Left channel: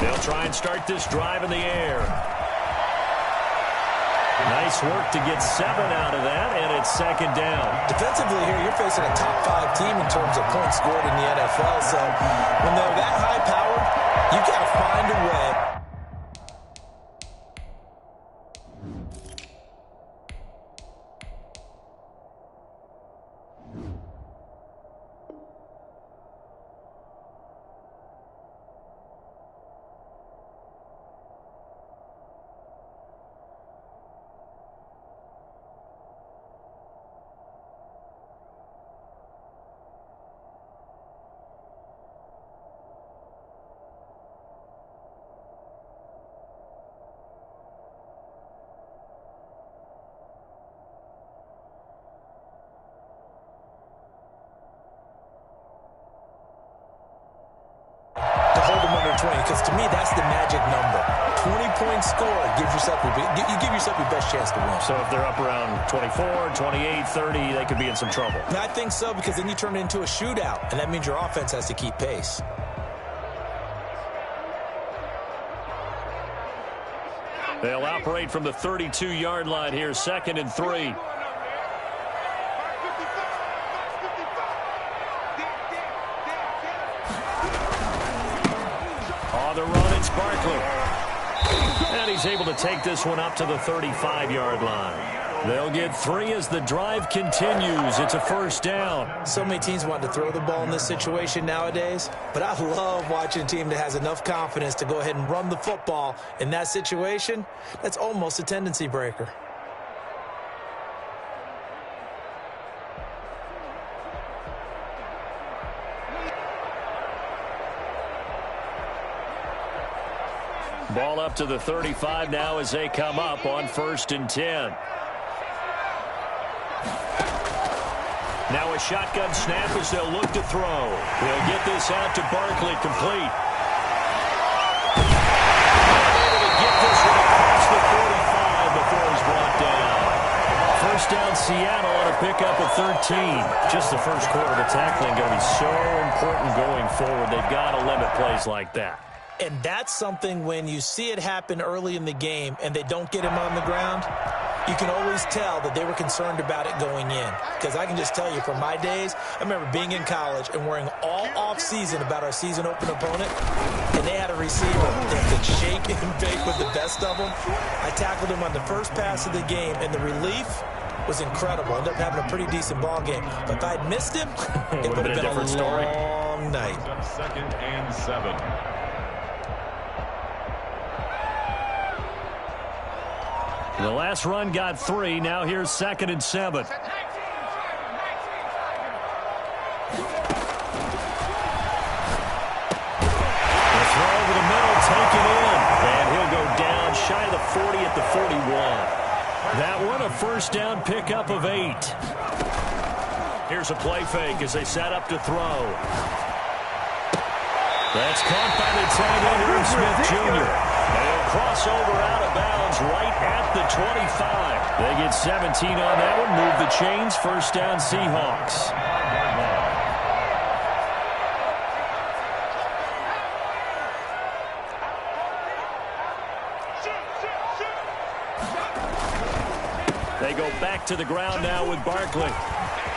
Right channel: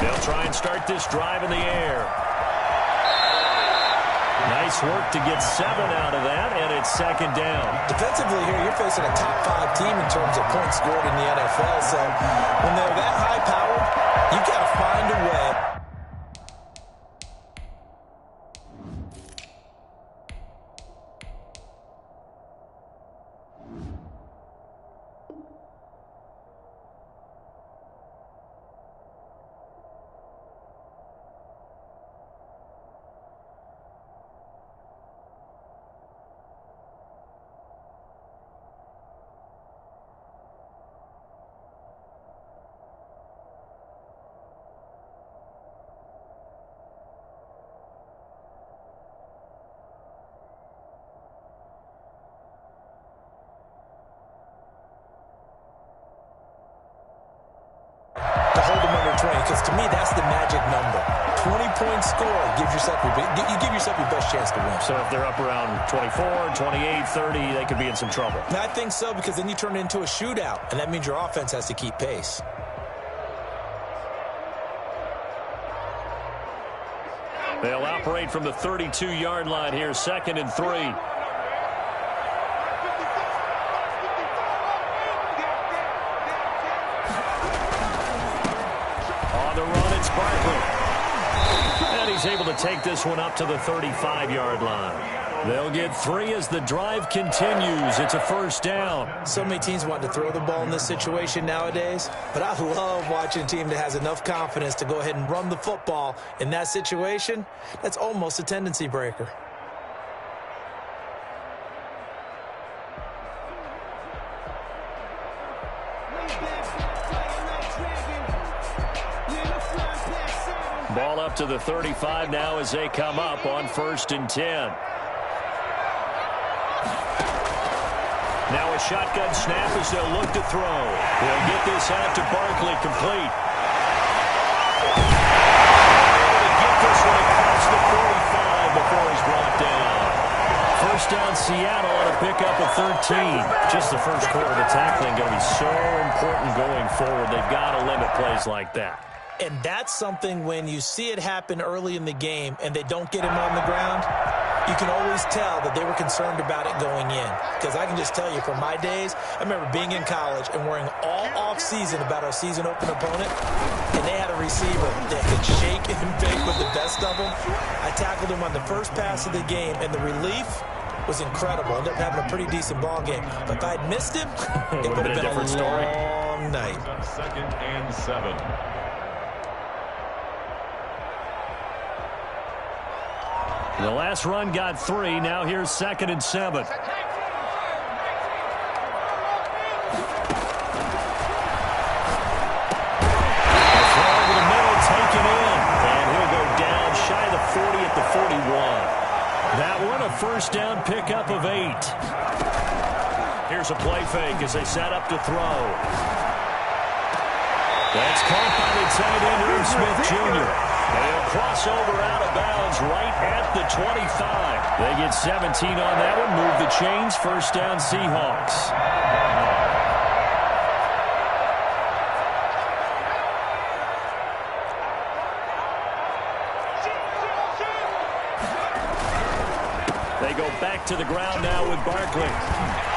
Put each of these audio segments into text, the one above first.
They'll try and start this drive in the air. Nice work to get 7 out of that, and it's second down. Defensively here, you're facing a top 5 team in terms of points scored in the NFL. So when they're that high-powered, you've got to find a way. To hold them under 20, because to me, that's the magic number. 20-point score gives yourself you give yourself your best chance to win. So if they're up around 24, 28, 30, they could be in some trouble. And I think so, because then you turn it into a shootout, and that means your offense has to keep pace. They'll operate from the 32-yard line here, 2nd and 3. On the run, it's Barkley. And he's able to take this one up to the 35-yard line. They'll get 3 as the drive continues. It's a first down. So many teams want to throw the ball in this situation nowadays, but I love watching a team that has enough confidence to go ahead and run the football in that situation. That's almost a tendency breaker. Ball up to the 35 now as they come up on 1st and 10. Now a shotgun snap as they'll look to throw. They'll get this out to Barkley, complete. Able to get this one across the 45 before he's brought down. First down, Seattle on a pickup of 13. Just the first quarter, the tackling going to be so important going forward. They've got to limit plays like that. And that's something when you see it happen early in the game and they don't get him on the ground, you can always tell that they were concerned about it going in. Because I can just tell you from my days, I remember being in college and worrying all off-season about our season open opponent, and they had a receiver that could shake and bake with the best of them. I tackled him on the first pass of the game, and the relief was incredible. Ended up having a pretty decent ball game. But if I had missed him, it would have been a different story. Long night. 2nd and 7. The last run got 3. Now here's 2nd and 7. The throw over the middle, taken in. And he'll go down shy of the 40 at the 41. That one, a first down pickup of 8. Here's a play fake as they set up to throw. That's caught by the tight end, Irv Smith Jr. And he'll cross over out of bounds right at the 25. They get 17 on that one. Move the chains. First down, Seahawks. They go back to the ground now with Barkley.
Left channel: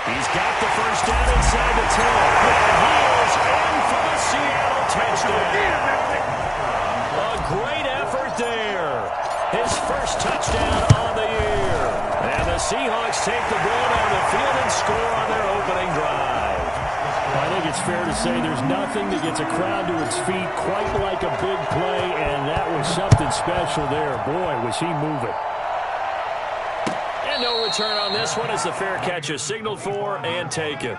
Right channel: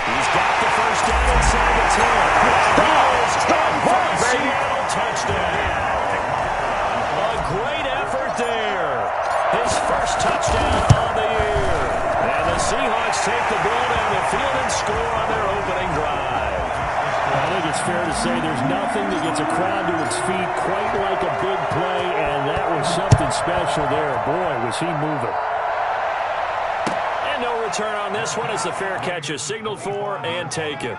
He's got the first down inside the 10. And he is in for the Seattle touchdown. A great effort there. His first touchdown on the year. And the Seahawks take the ball down the field and score on their opening drive. I think it's fair to say there's nothing that gets a crowd to its feet quite like a big play, and that was something special there. Boy, was he moving. And no return on this one as the fair catch is signaled for and taken.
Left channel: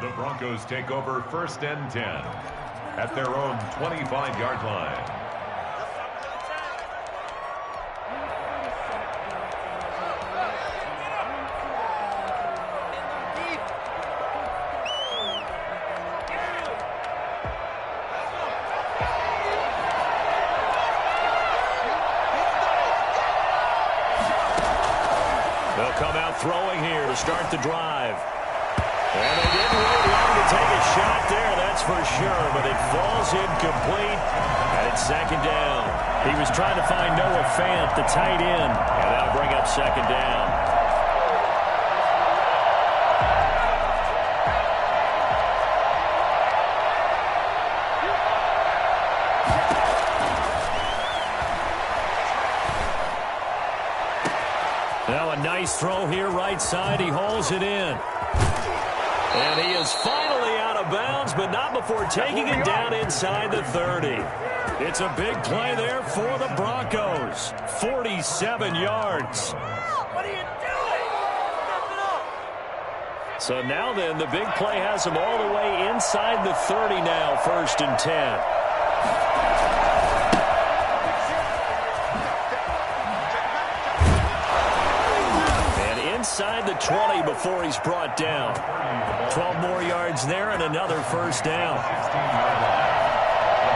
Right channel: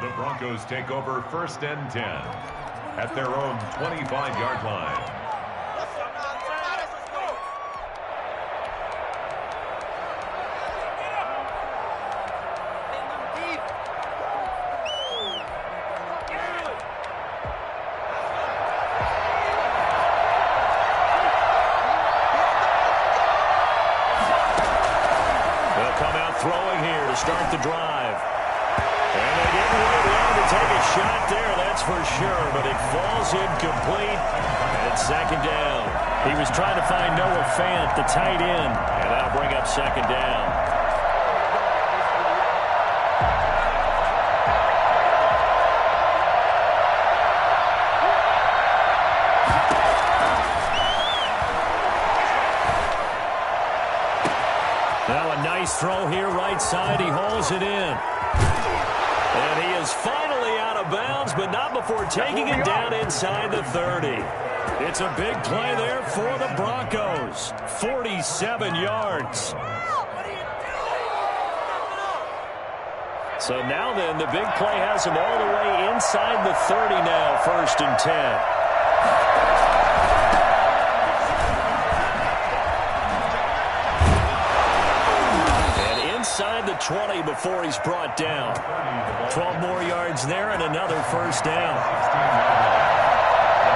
The Broncos take over 1st and 10 at their own 25-yard line. They'll come out throwing here to start the drive. And they didn't wait long to take a shot there, that's for sure, but it falls incomplete, and it's second down. He was trying to find Noah Fant, the tight end, and that'll bring up second down. Now a nice throw here, right side. He hauls it in. And he is finally out of bounds, but not before taking it down inside the 30. It's a big play there for the Broncos. 47 yards. What are you doing? So now then, the big play has him all the way inside the 30 now, 1st and 10. Inside the 20 before he's brought down. 12 more yards there and another first down. 16-yard line.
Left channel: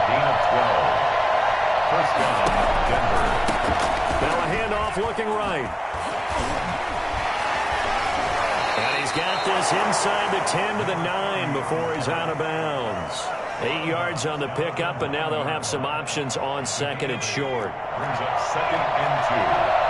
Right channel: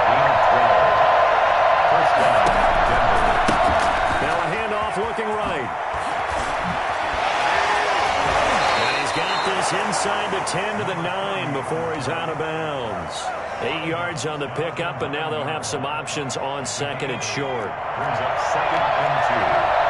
Gain of 12. First down, Denver. Now a handoff looking right. And he's got this inside the 10 to the 9 before he's out of bounds. 8 yards on the pickup, and now they'll have some options on second and short. Brings up 2nd and 2.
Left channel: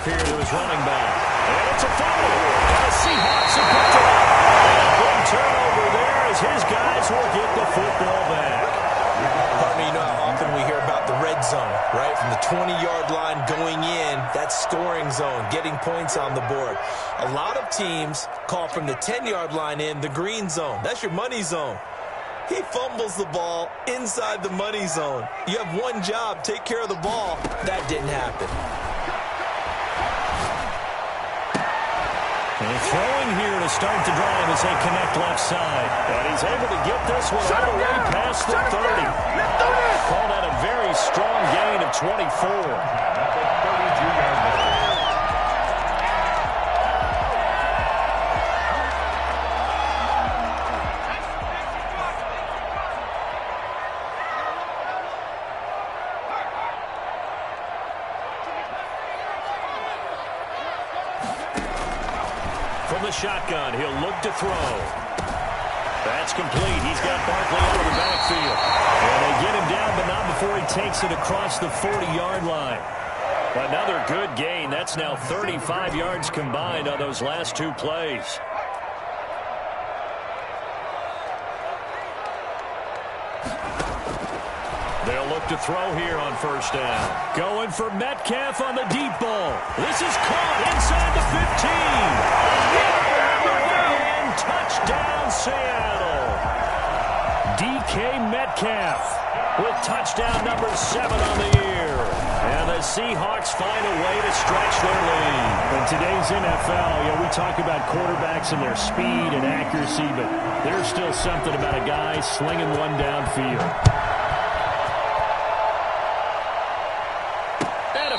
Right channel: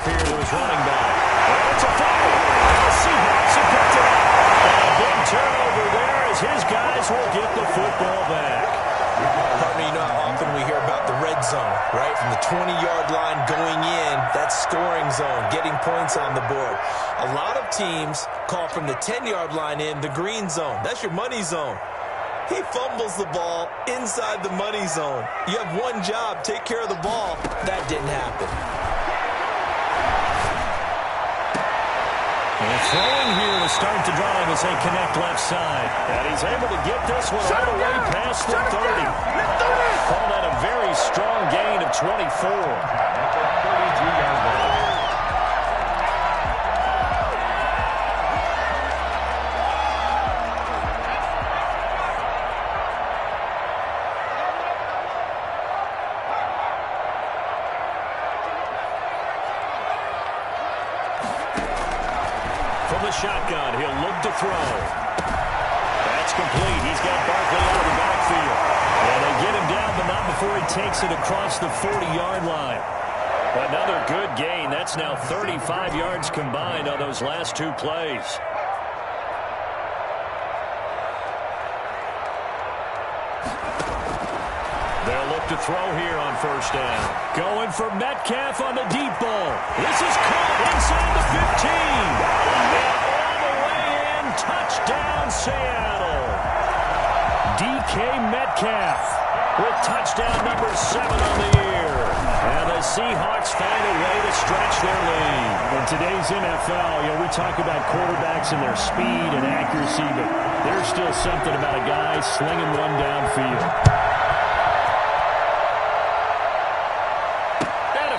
Here to his running back. And it's a fumble. And the Seahawks have picked it up. And a big turnover there as his guys will get the football back. Partner, you know how often we hear about the red zone, right? From the 20-yard line going in, that's scoring zone, getting points on the board. A lot of teams call from the 10-yard line in the green zone. That's your money zone. He fumbles the ball inside the money zone. You have one job, take care of the ball. That didn't happen. And throwing here to start the drive as they connect left side. And he's able to get this one all the way past the 30. Call that a very strong gain of 24. At the 32-yard line. Shotgun. He'll look to throw. That's complete. He's got Barkley out of the backfield. And they get him down, but not before he takes it across the 40-yard line. Another good gain. That's now 35 yards combined on those last two plays. They'll look to throw here on first down. Going for Metcalf on the deep ball. This is caught inside the 15. And all the way in. Touchdown, Seattle. DK Metcalf with touchdown number 7 on the year. And the Seahawks find a way to stretch their lead. In today's NFL, we talk about quarterbacks and their speed and accuracy, but there's still something about a guy slinging one downfield.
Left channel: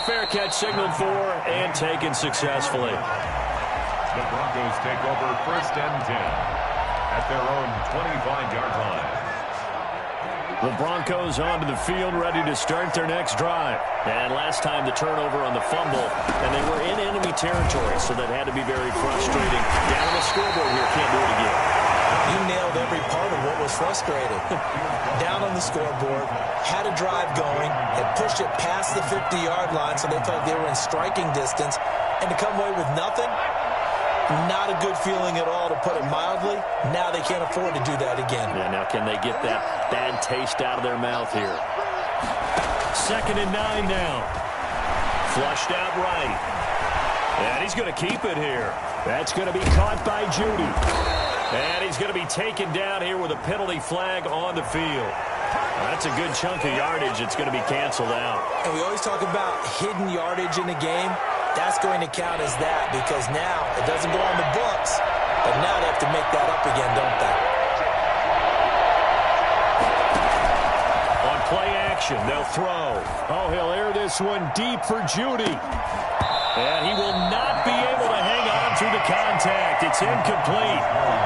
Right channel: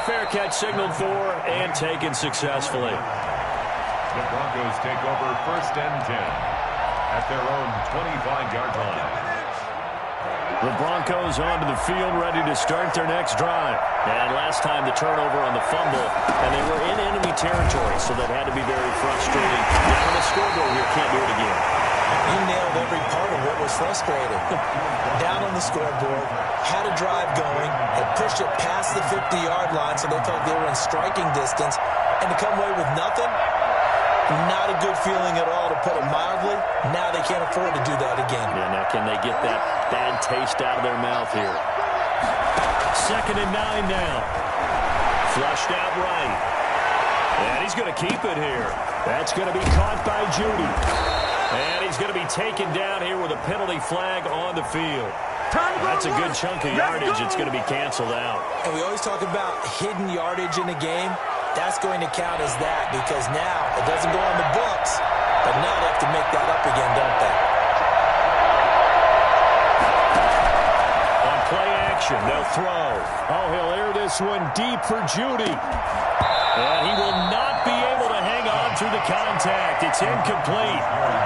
Fair catch signaled for and taken successfully. The Broncos take over 1st and 10 at their own 25-yard line. The Broncos onto the field ready to start their next drive. And last time the turnover on the fumble, and they were in enemy territory, so that had to be very frustrating. Down on the scoreboard here, can't do it again. You nailed every part of what was frustrating. Down on the scoreboard, had a drive going, had pushed it past the 50-yard line so they felt they were in striking distance, and to come away with nothing, not a good feeling at all, to put it mildly. Now they can't afford to do that again. Yeah, now can they get that bad taste out of their mouth here? 2nd and 9 now. Flushed out right. And he's going to keep it here. That's going to be caught by Judy. And he's going to be taken down here with a penalty flag on the field. That's a good chunk of yardage. It's going to be canceled out. And we always talk about hidden yardage in a game. That's going to count as that, because now it doesn't go on the books, but now they have to make that up again, don't they? On play action, they'll throw. Oh, he'll air this one deep for Judy. And he will not be able to hang on through the contact. It's incomplete.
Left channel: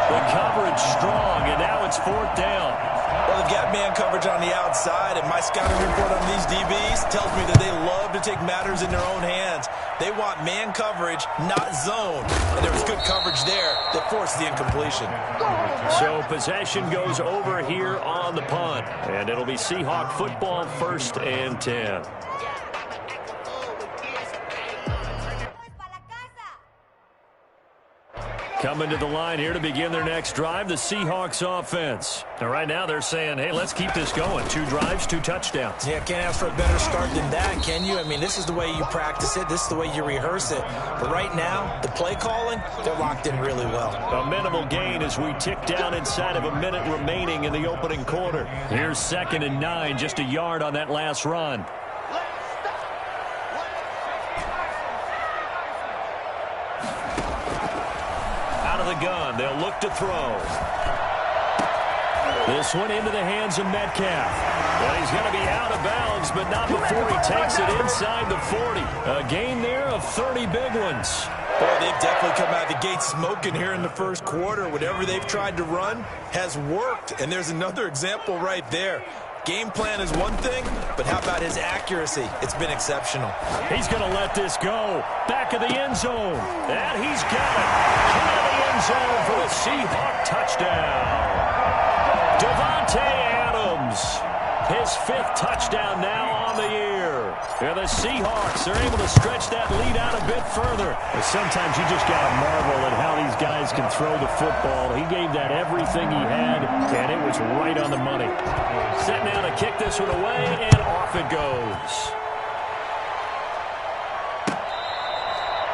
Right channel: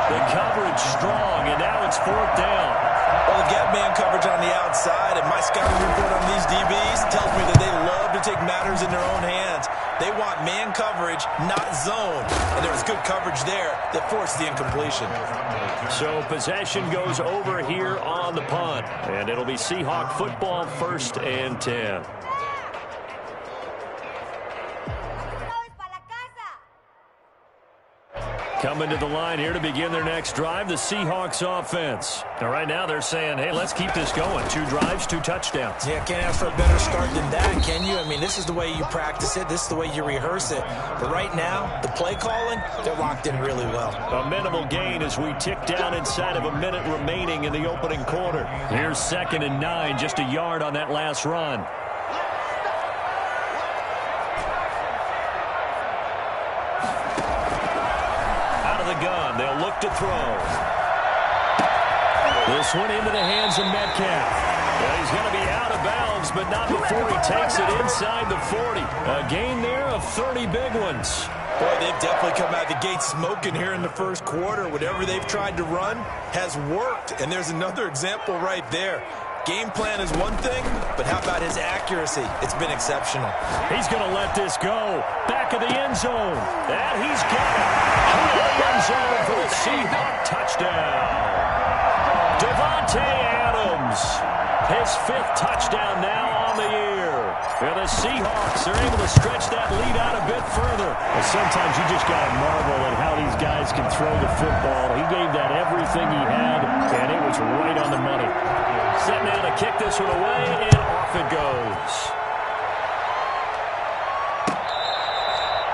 The coverage strong, and now it's 4th down. Well, they've got man coverage on the outside, and my scouting report on these DBs tells me that they love to take matters in their own hands. They want man coverage, not zone. And there was good coverage there that forced the incompletion. So possession goes over here on the punt. And it'll be Seahawk football, 1st and 10. Coming to the line here to begin their next drive, the Seahawks offense. Now, right now they're saying, hey, let's keep this going. 2 drives, 2 touchdowns. Yeah, can't ask for a better start than that, can you? I mean, this is the way you practice it. This is the way you rehearse it. But right now, the play calling, they're locked in really well. A minimal gain as we tick down inside of a minute remaining in the opening quarter. Here's 2nd and 9, just a yard on that last run. The gun. They'll look to throw. This one into the hands of Metcalf. Well, he's going to be out of bounds, but not before he takes it inside the 40. A gain there of 30 big ones. Boy, they've definitely come out of the gate smoking here in the first quarter. Whatever they've tried to run has worked, and there's another example right there. Game plan is one thing, but how about his accuracy? It's been exceptional. He's going to let this go. Back of the end zone. And he's got it. Out of the end zone for the Seahawk touchdown. Davante Adams. His 5th touchdown now on the year. And the Seahawks are able to stretch that lead out a bit further. Well, sometimes you just got to marvel at how these guys can throw the football. He gave that everything he had, and it was right on the money. Set now to kick this one away, and off it goes.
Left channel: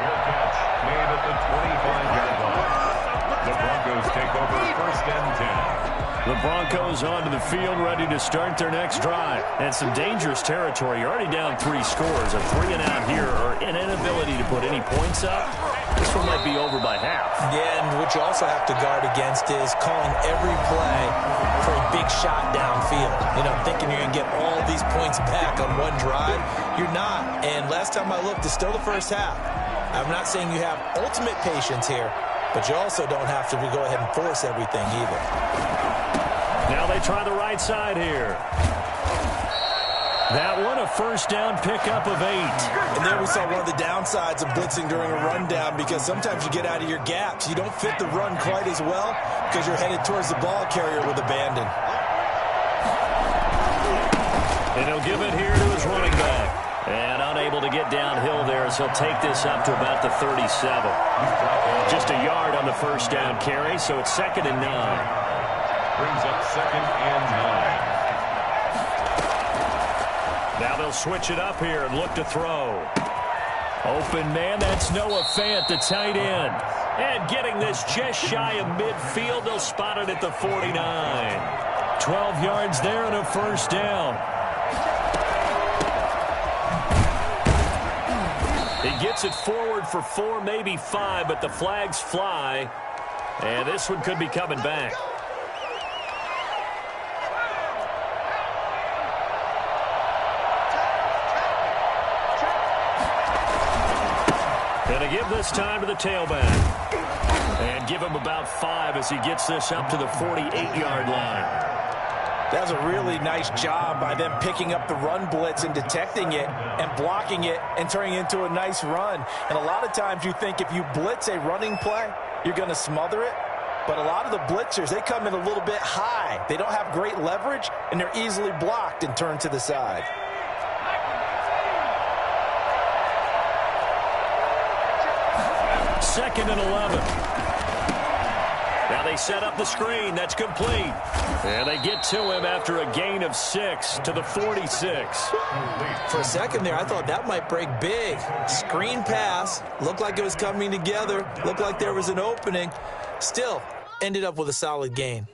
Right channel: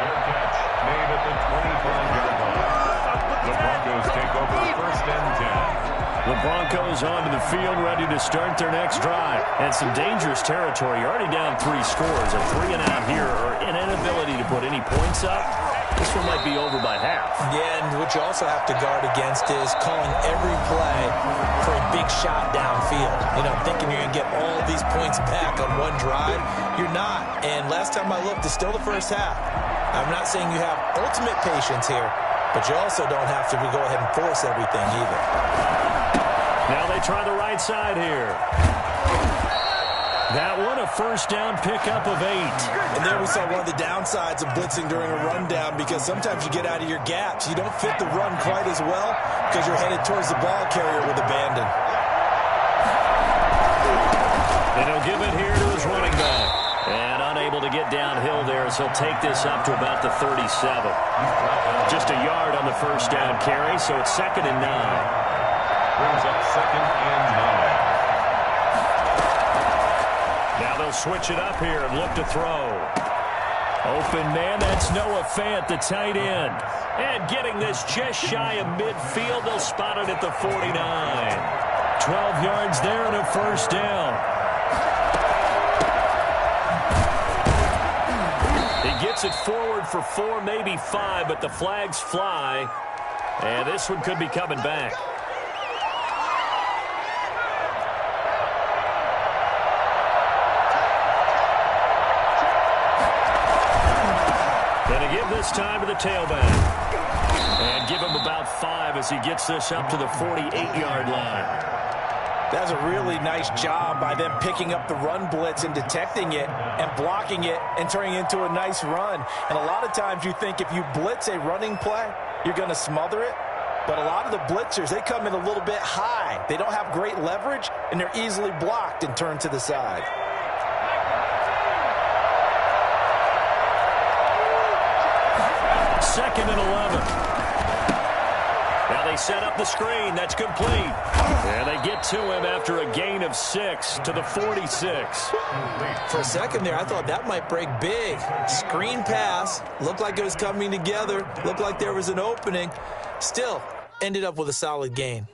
Fair catch made at the 25-yard line. The Broncos take over 1st and 10. The Broncos onto the field, ready to start their next drive. And some dangerous territory. You're already down 3 scores. A 3-and-out here, or an inability to put any points up. This one might be over by half. Yeah, and what you also have to guard against is calling every play for a big shot downfield. You know, thinking you're going to get all these points back on one drive. You're not. And last time I looked, it's still the first half. I'm not saying you have ultimate patience here, but you also don't have to go ahead and force everything either. Now they try the right side here. That one, a 1st down pickup of 8. And there we saw one of the downsides of blitzing during a rundown, because sometimes you get out of your gaps. You don't fit the run quite as well because you're headed towards the ball carrier with abandon. And he'll give it here to his running back. And unable to get downhill there as he'll take this up to about the 37. Just a yard on the 1st down carry, so it's 2nd and 9. Brings up 2nd and 9. Now they'll switch it up here and look to throw. Open man, that's Noah Fant, the tight end. And getting this just shy of midfield, they'll spot it at the 49. 12 yards there and a 1st down. He gets it forward for 4, maybe 5, but the flags fly. And this one could be coming back. Going to give this time to the tailback. And give him about 5 as he gets this up to the 48-yard line. That's a really nice job by them picking up the run blitz and detecting it and blocking it and turning it into a nice run. And a lot of times you think if you blitz a running play, you're going to smother it. But a lot of the blitzers, they come in a little bit high. They don't have great leverage, and they're easily blocked and turned to the side. Second and 11. Now they set up the screen. That's complete. And they get to him after a gain of 6 to the 46. For a second there, I thought that might break big. Screen pass. Looked like it was coming together. Looked like there was an opening. Still, ended up with a solid gain.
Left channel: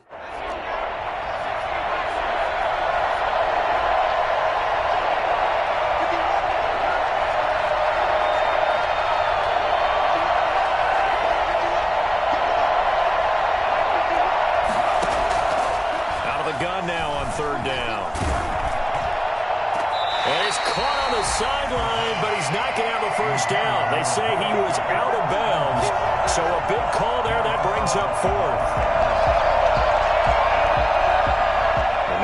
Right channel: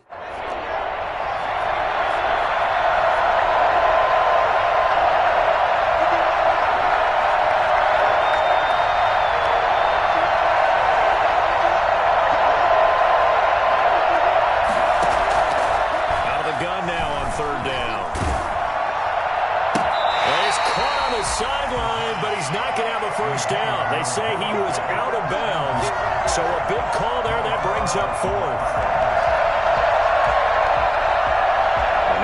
Gun now on 3rd down. And he's caught on the sideline, but he's not going to have a 1st down. They say he was out of bounds, so a big call there that brings up 4th.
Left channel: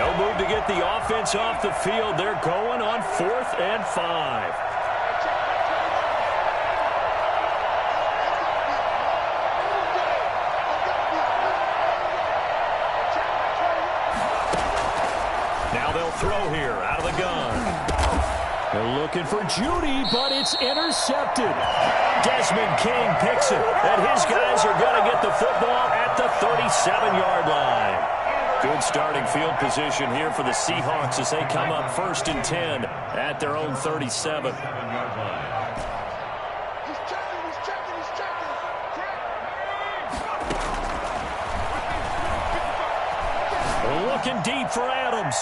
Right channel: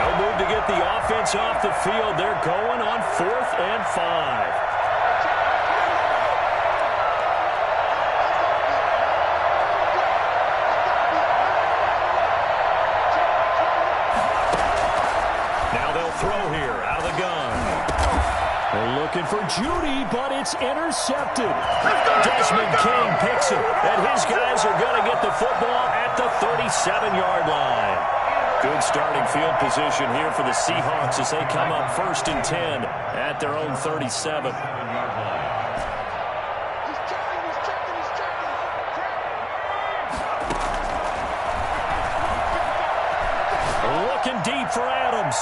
No move to get the offense off the field. They're going on 4th and 5. throw here out of the gun. They're looking for Judy, but it's intercepted. Desmond King picks it, and his guys are going to get the football at the 37-yard line. Good starting field position here for the Seahawks as they come up 1st and 10 at their own 37. Looking deep for Adams.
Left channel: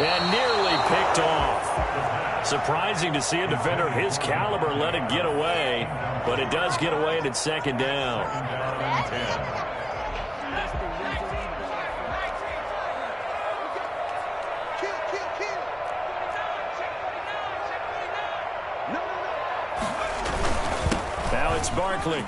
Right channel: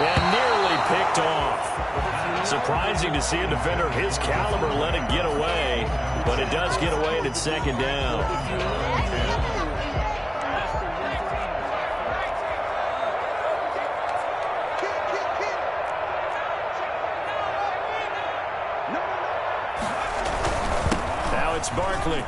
And nearly picked off. Surprising to see a defender of his caliber let it get away, but it does get away and it's 2nd down. Now it's Barkley.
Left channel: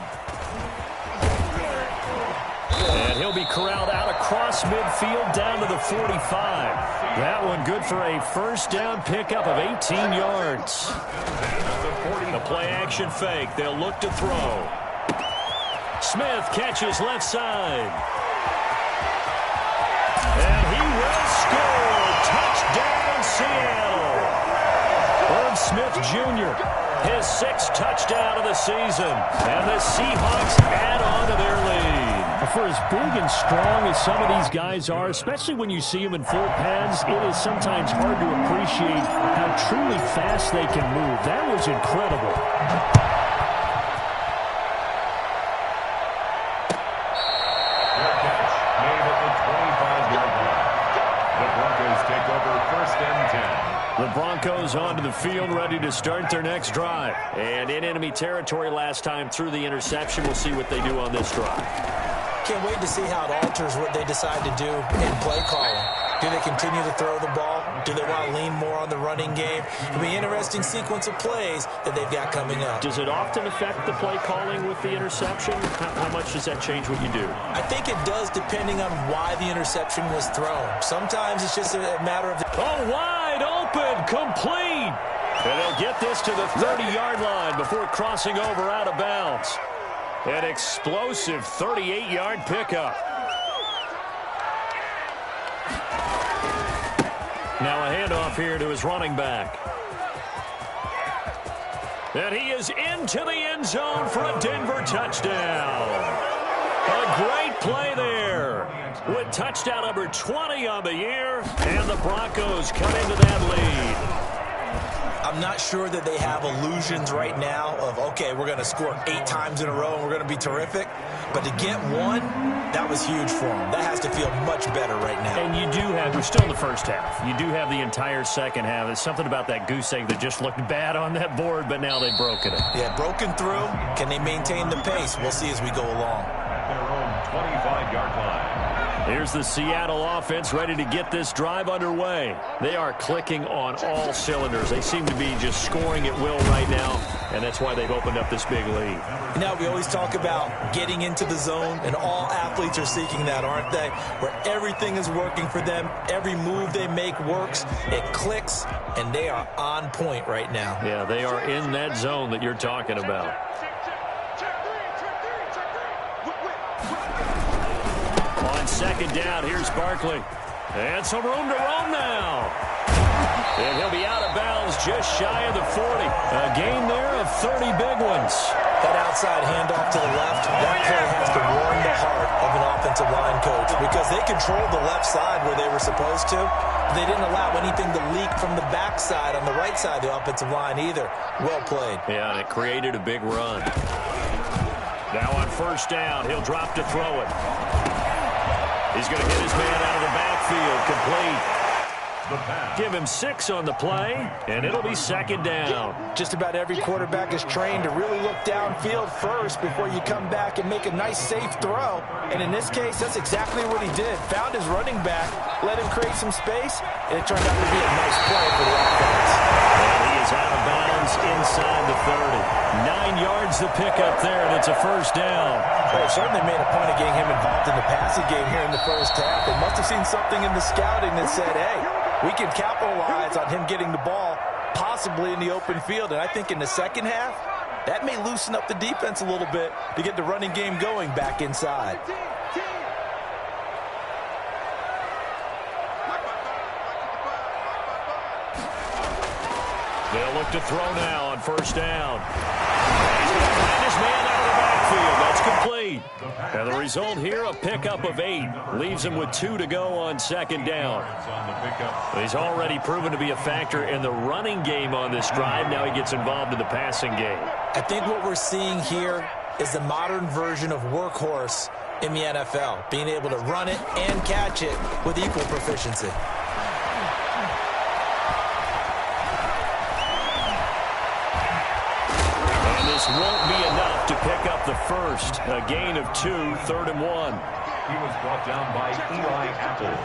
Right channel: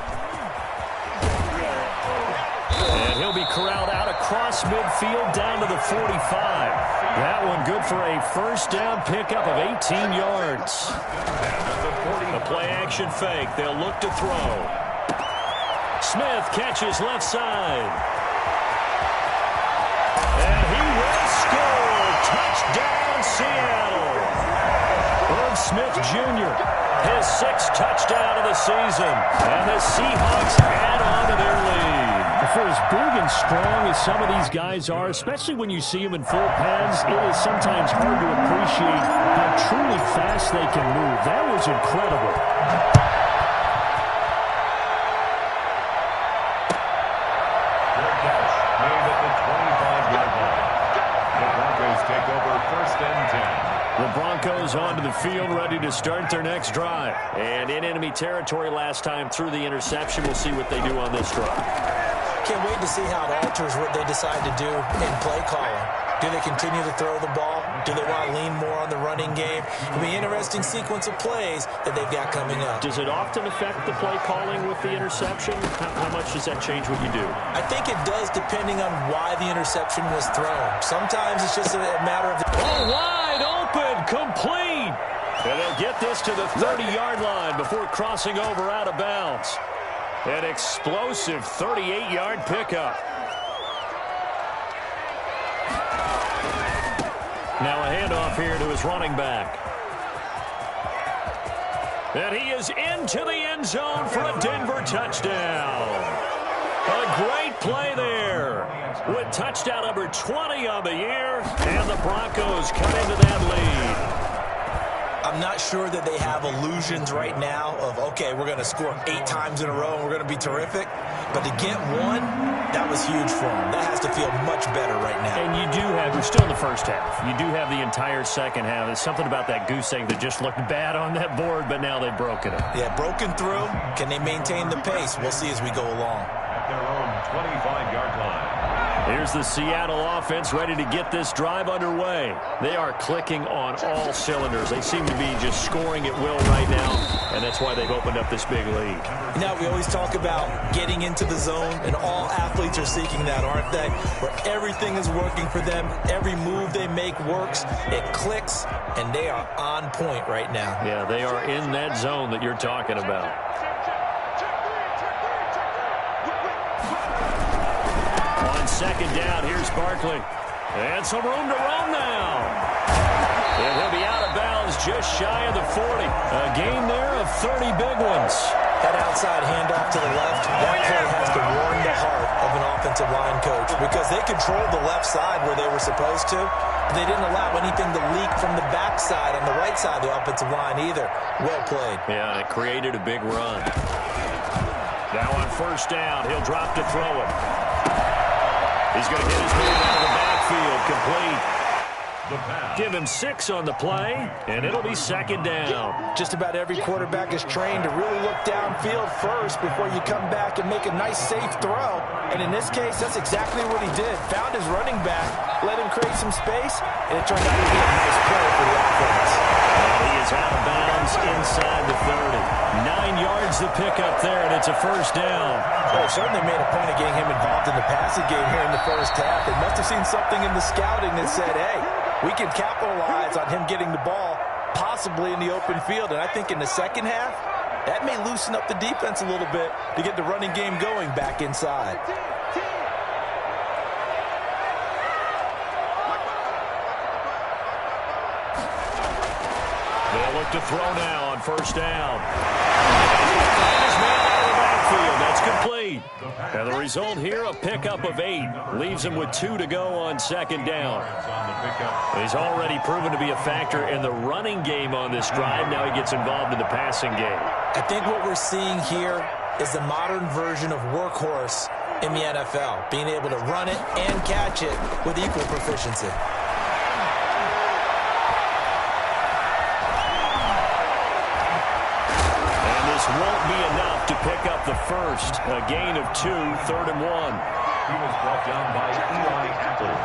And he'll be corralled out across midfield down to the 45. That one good for a 1st down pickup of 18 yards. The play-action fake. They'll look to throw. Smith catches left side. And he will score. Touchdown, Seattle. Irv Smith Jr., his 6th touchdown of the season. And the Seahawks add on to their lead. For as big and strong as some of these guys are, especially when you see them in full pads, it is sometimes hard to appreciate how truly fast they can move. That was incredible. Fair catch made at the 25-yard line. The Broncos take over 1st and 10. The Broncos onto the field, ready to start their next drive. And in enemy territory last time through the interception. We'll see what they do on this drive. Can't wait to see how it alters what they decide to do in play calling. Do they continue to throw the ball? Do they want to lean more on the running game? It'll be an interesting sequence of plays that they've got coming up. Does it often affect the play calling with the interception? How much does that change what you do? I think it does, depending on why the interception was thrown. Sometimes it's just a matter of... Oh, wide open, complete. And they'll get this to the 30-yard line before crossing over out of bounds. An explosive 38-yard pickup. Now a handoff here to his running back. And he is into the end zone for a Denver touchdown. A great play there with touchdown number 20 on the year, and the Broncos come into that lead. I'm not sure that they have illusions right now of, okay, we're going to score 8 times in a row and we're going to be terrific. But to get one, that was huge for them. That has to feel much better right now. And you do have, we're still in the first half. You do have the entire second half. There's something about that goose egg that just looked bad on that board, but now they've broken it. Yeah, broken through. Can they maintain the pace? We'll see as we go along. At their own 25-yard line. Here's the Seattle offense ready to get this drive underway. They are clicking on all cylinders. They seem to be just scoring at will right now, and that's why they've opened up this big lead. You know, we always talk about getting into the zone, and all athletes are seeking that, aren't they? Where everything is working for them. Every move they make works. It clicks, and they are on point right now. Yeah, they are in that zone that you're talking about. On 2nd down, here's Barkley. And some room to roam now. And he'll be out of bounds just shy of the 40. A gain there of 30 big ones. That outside handoff to the left, that play has to warm the heart of an offensive line coach because they controlled the left side where they were supposed to. They didn't allow anything to leak from the backside on the right side of the offensive line either. Well played. Yeah, and it created a big run. Now on 1st down, he'll drop to throw it. He's going to hit his man out of the backfield, complete. Give him 6 on the play, and it'll be 2nd down. Just about every quarterback is trained to really look downfield first before you come back and make a nice, safe throw. And in this case, that's exactly what he did. Found his running back, let him create some space, and it turned out to be a nice play for the offense. And he is out of bounds inside the 30. 9 yards to pick up there, and it's a 1st down. Well, they certainly made a point of getting him involved in the passing game here in the first half. They must have seen something in the scouting that said, hey, we can capitalize on him getting the ball possibly in the open field. And I think in the second half, that may loosen up the defense a little bit to get the running game going back inside. They'll look to throw now on first down. And he's going to find his man out of the backfield. That's complete. And the result here, a pickup of 8. Leaves him with 2 to go on second down. He's already proven to be a factor in the running game on this drive. Now he gets involved in the passing game. I think what we're seeing here is the modern version of workhorse in the NFL, being able to run it and catch it with equal proficiency. And this won't be enough to pick up the first. A gain of 2, 3rd and 1. He was brought down by Eli Apple.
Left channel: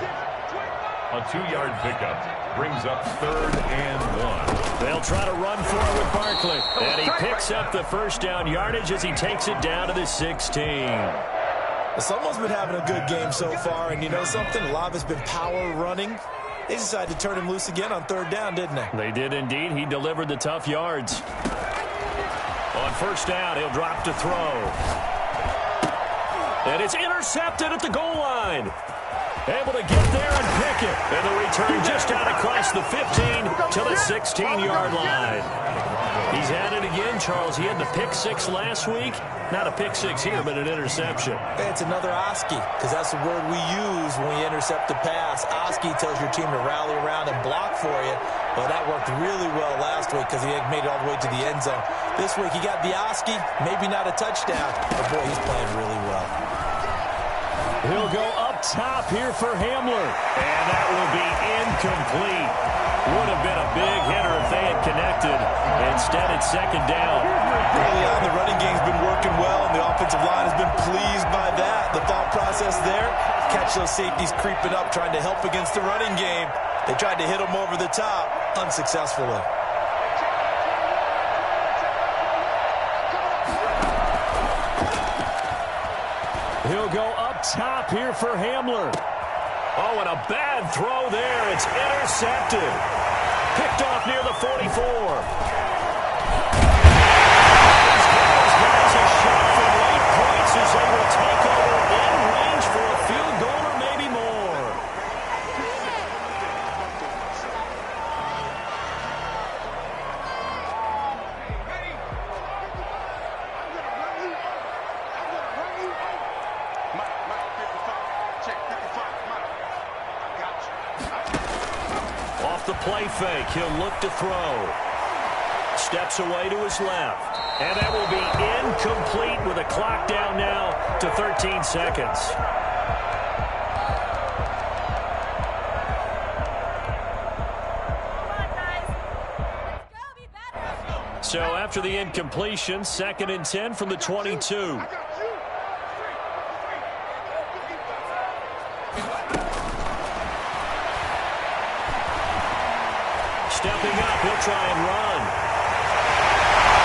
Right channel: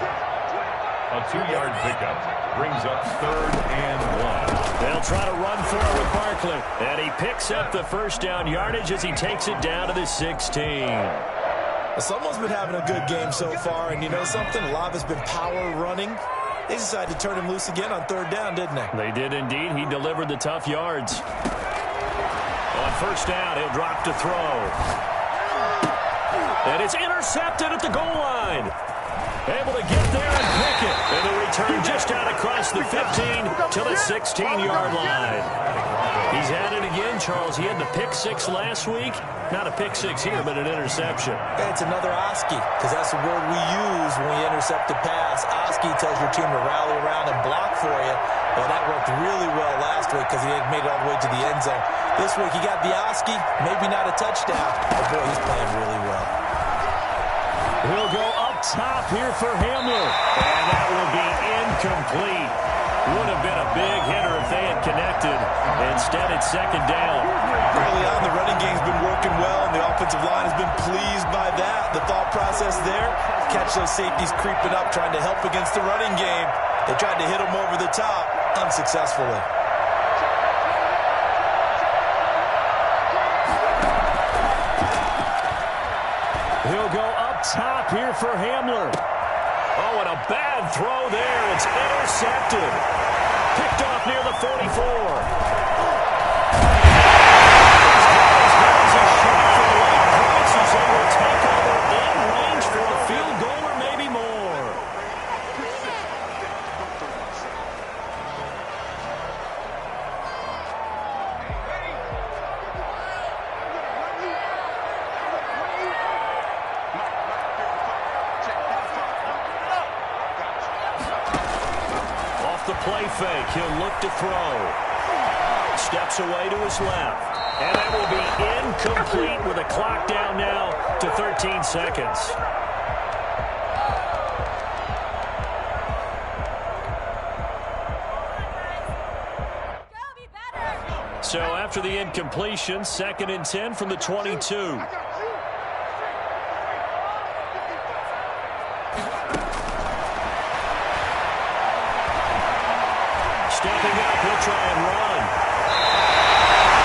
A 2-yard pickup brings up 3rd and 1. They'll try to run for it with Barkley. And he picks up the first down yardage as he takes it down to the 16. Well, someone's been having a good game so far, and you know something? A lot of it's been power running. They decided to turn him loose again on 3rd down, didn't they? They did indeed. He delivered the tough yards. On first down, he'll drop to throw. And it's intercepted at the goal line. Able to get there and pick it. And the return just out across the 15 to the 16-yard line. He's at it again, Charles. He had the pick 6 last week. Not a pick 6 here, but an interception. It's another Oski, because that's the word we use when we intercept a pass. Oski tells your team to rally around and block for you. Well, that worked really well last week because he had made it all the way to the end zone. This week he got the Oski, maybe not a touchdown, but boy, he's playing really well. He'll go up top here for Hamler. And that will be incomplete. Would have been a big hitter if they had connected. Instead, it's second down. Early on, the running game's been working well, and the offensive line has been pleased by that. The thought process there, catch those safeties creeping up, trying to help against the running game. They tried to hit them over the top, unsuccessfully. He'll go up top here for Hamler. Oh, and a bad throw there. It's intercepted. Picked off near the 44. He's got his guys a shot for late points as they will take over in range for a field goal or maybe more. Off the play fake, he'll look to throw. Steps away to his left. And that will be incomplete with a clock down now to 13 seconds. So after the incompletion, 2nd and 10 from the 22. Stepping up, he'll try and run.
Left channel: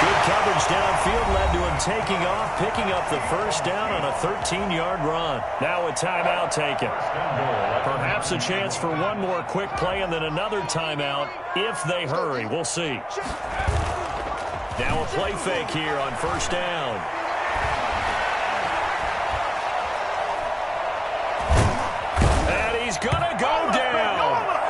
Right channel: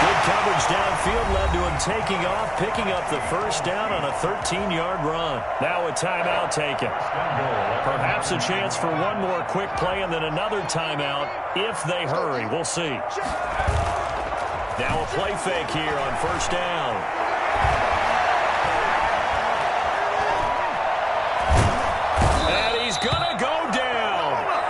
Good coverage downfield led to him taking off, picking up the first down on a 13-yard run. Now a timeout taken. Perhaps a chance for one more quick play and then another timeout if they hurry. We'll see. Now a play fake here on first down. And he's going to go down.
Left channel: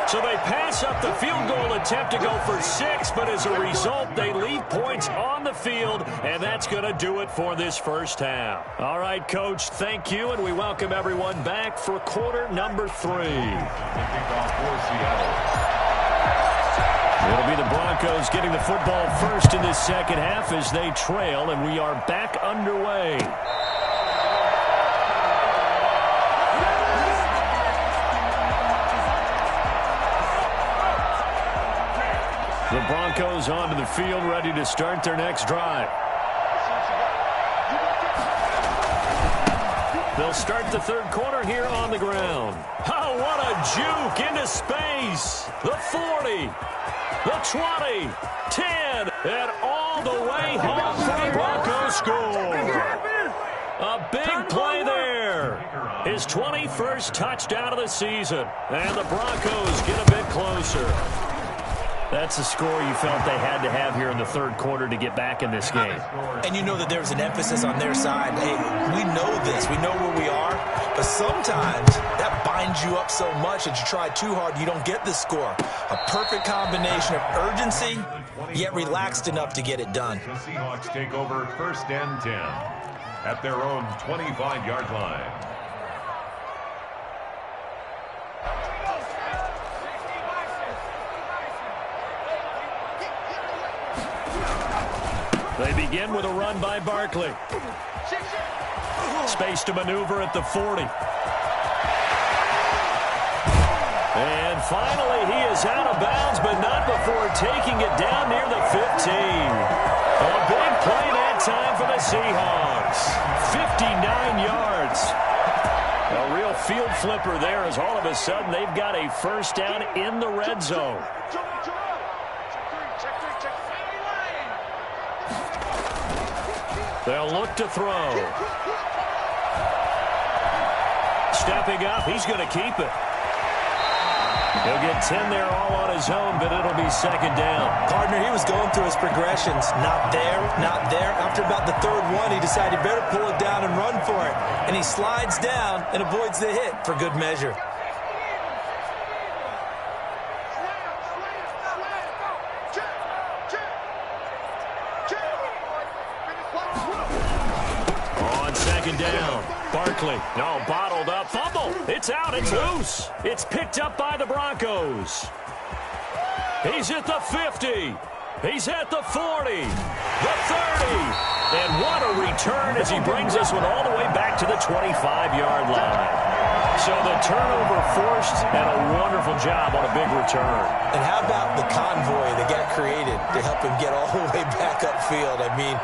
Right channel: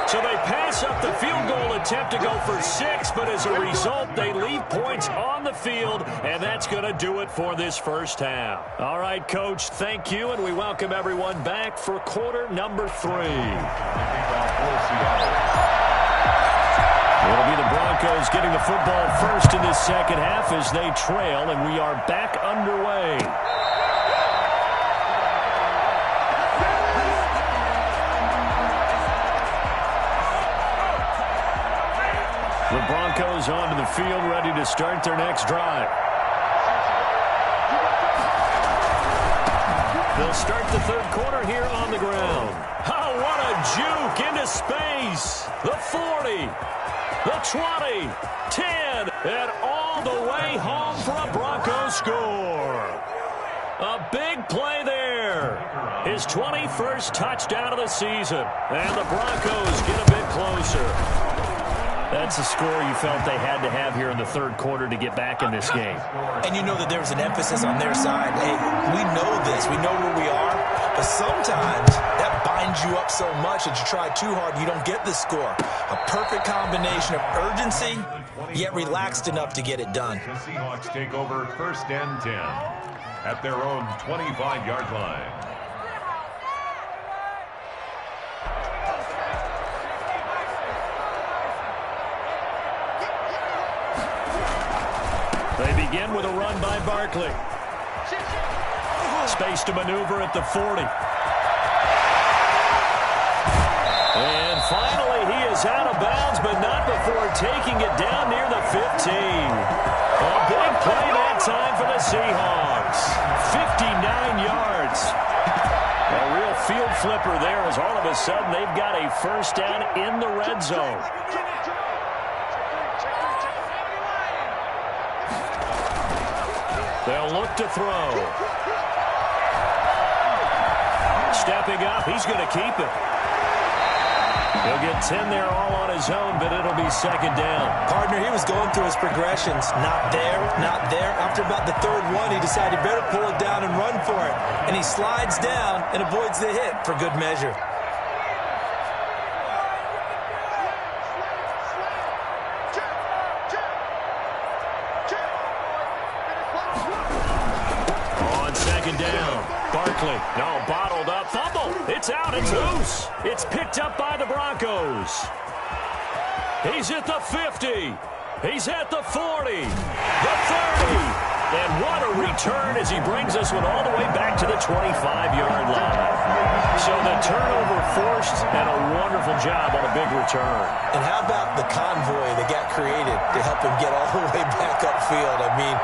So they pass up the field goal attempt to go for 6, but as a result, they leave points on the field, and that's going to do it for this first half. All right, Coach, thank you, and we welcome everyone back for quarter number 3. It'll be the Broncos getting the football first in this second half as they trail, and we are back underway. The Broncos onto the field, ready to start their next drive. They'll start the third quarter here on the ground. Oh, what a juke into space. The 40, the 20, 10, and all the way home for a Broncos score. A big play there. His 21st touchdown of the season. And the Broncos get a bit closer. That's a score you felt they had to have here in the third quarter to get back in this game. And you know that there was an emphasis on their side. Hey, we know this. We know where we are. But sometimes that binds you up so much that you try too hard, you don't get the score. A perfect combination of urgency, yet relaxed enough to get it done. The Seahawks take over 1st and 10 at their own 25-yard line. They begin with a run by Barkley. Space to maneuver at the 40. And finally, he is out of bounds, but not before taking it down near the 15. A big play that time for the Seahawks. 59 yards. A real field flipper there as all of a sudden they've got a first down in the red zone. They'll look to throw. Stepping up, he's going to keep it. He'll get 10 there all on his own, but it'll be 2nd down. Partner, he was going through his progressions. Not there, not there. After about the 3rd one, he decided he better pull it down and run for it. And he slides down and avoids the hit for good measure. On 2nd down, Barkley, no, bottled up, fumble, it's out, it's loose, it's picked up by the Broncos. He's at the 50, he's at the 40, the 30, and what a return as he brings this one all the way back to the 25-yard line. So the turnover forced and a wonderful job on a big return. And how about the convoy that got created to help him get all the way back upfield? I mean,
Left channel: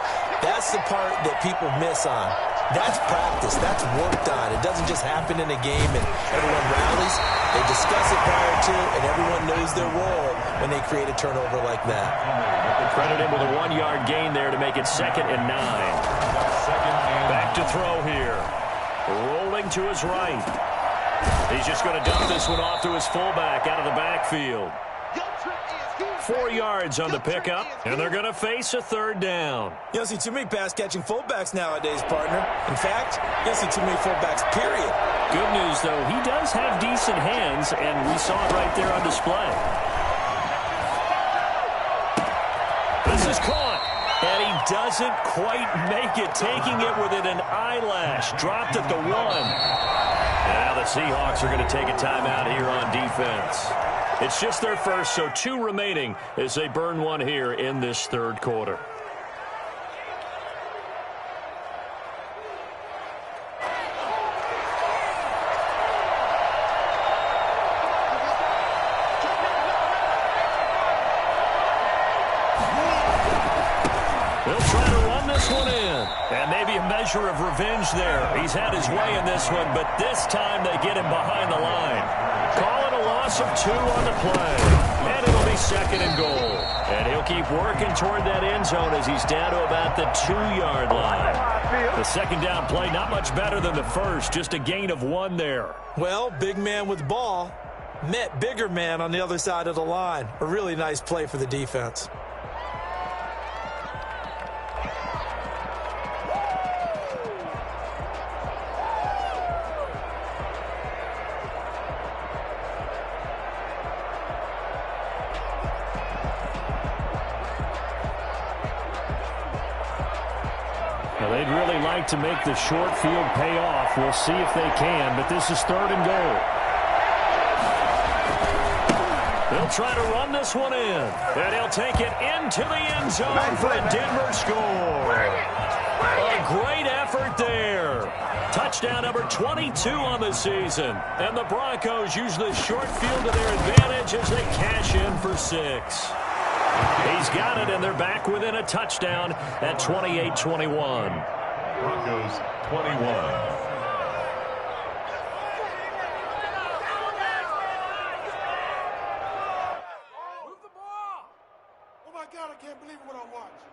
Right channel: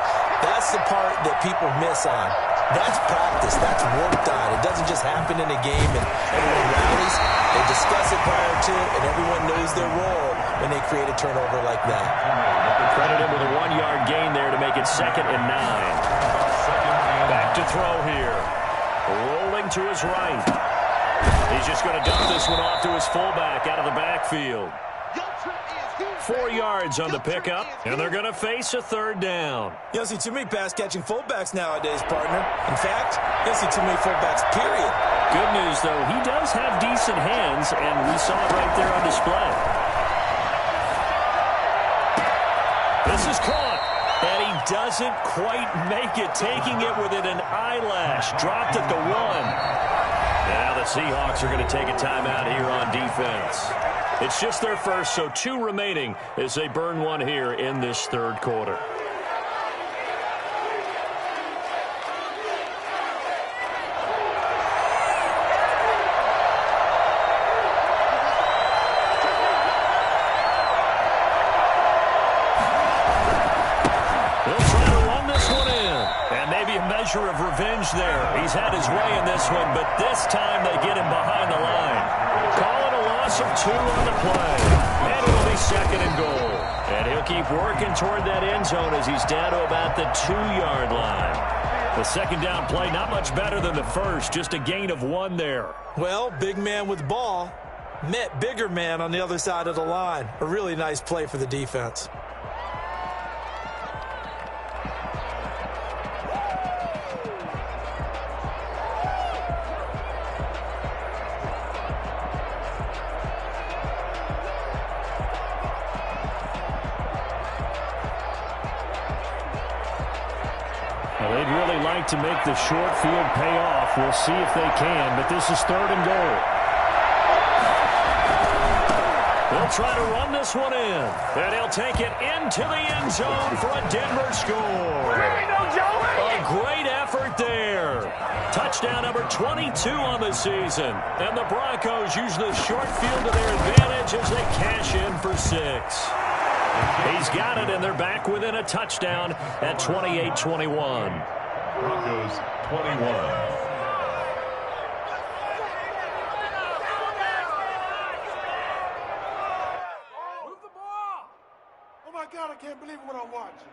that's the part that people miss on. That's practice. That's worked on. It doesn't just happen in a game and everyone rallies. They discuss it prior to, and everyone knows their role when they create a turnover like that. Credit him with a 1-yard gain there to make it 2nd and 9. Back to throw here. Rolling to his right. He's just going to dump this one off to his fullback out of the backfield. 4 yards on the pickup, and they're going to face a 3rd down. You don't see too many pass-catching fullbacks nowadays, partner. In fact, you don't see too many fullbacks, period. Good news, though, he does have decent hands, and we saw it right there on display. This is caught, and he doesn't quite make it, taking it within an eyelash. Dropped at the 1. Now the Seahawks are going to take a timeout here on defense. It's just their first, so 2 remaining as they burn one here in this 3rd quarter. They'll try to run this one in. And maybe a measure of revenge there. He's had his way in this one, but this time they get him behind the line. Call it a loss of 2 on the play. And it'll be 2nd and goal. And he'll keep working toward that end zone as he's down to about the 2-yard line. The 2nd down play, not much better than the first. Just a gain of 1 there. Well, big man with the ball met bigger man on the other side of the line. A really nice play for the defense. They'd really like to make the short field pay off. We'll see if they can, but this is 3rd and goal. They'll try to run this one in, and he'll take it into the end zone for a Denver score. A great effort there. Touchdown number 22 on the season, and the Broncos use the short field to their advantage as they cash in for 6. He's got it, and they're back within a touchdown at 28-21. Broncos 21. Oh my God, I can't believe what I'm watching.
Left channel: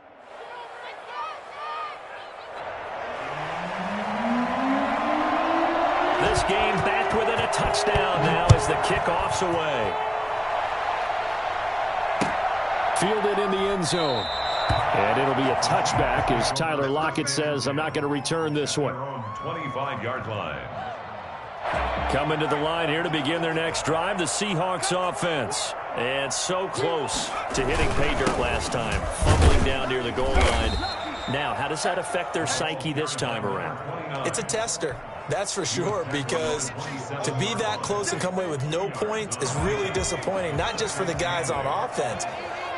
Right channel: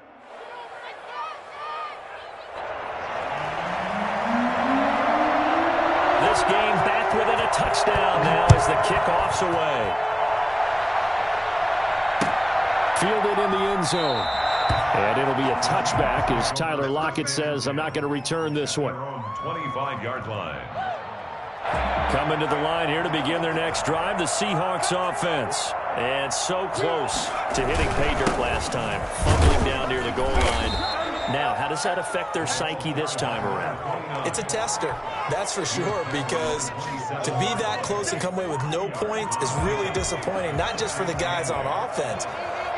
This game back within a touchdown now as the kickoff's away. Fielded in the end zone. And it'll be a touchback as Tyler Lockett says, I'm not going to return this one. 25-yard line. Coming to the line here to begin their next drive, the Seahawks offense. And so close to hitting pay dirt last time, fumbling down near the goal line. Now, how does that affect their psyche this time around? It's a tester, that's for sure, because to be that close and come away with no points is really disappointing, not just for the guys on offense,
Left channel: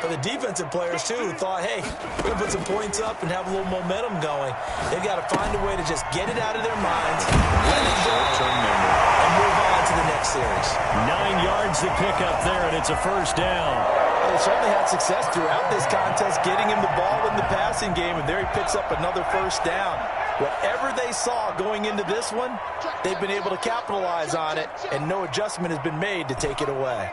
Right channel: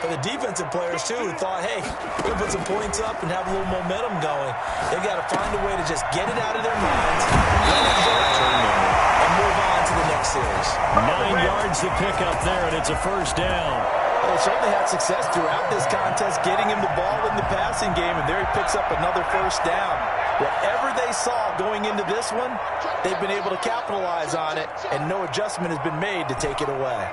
for the defensive players, too, who thought, hey, we're going to put some points up and have a little momentum going. They've got to find a way to just get it out of their minds, let it go, and move on to the next series. 9 yards to pick up there, and it's a first down. They certainly had success throughout this contest, getting him the ball in the passing game, and there he picks up another first down. Whatever they saw going into this one, they've been able to capitalize on it, and no adjustment has been made to take it away.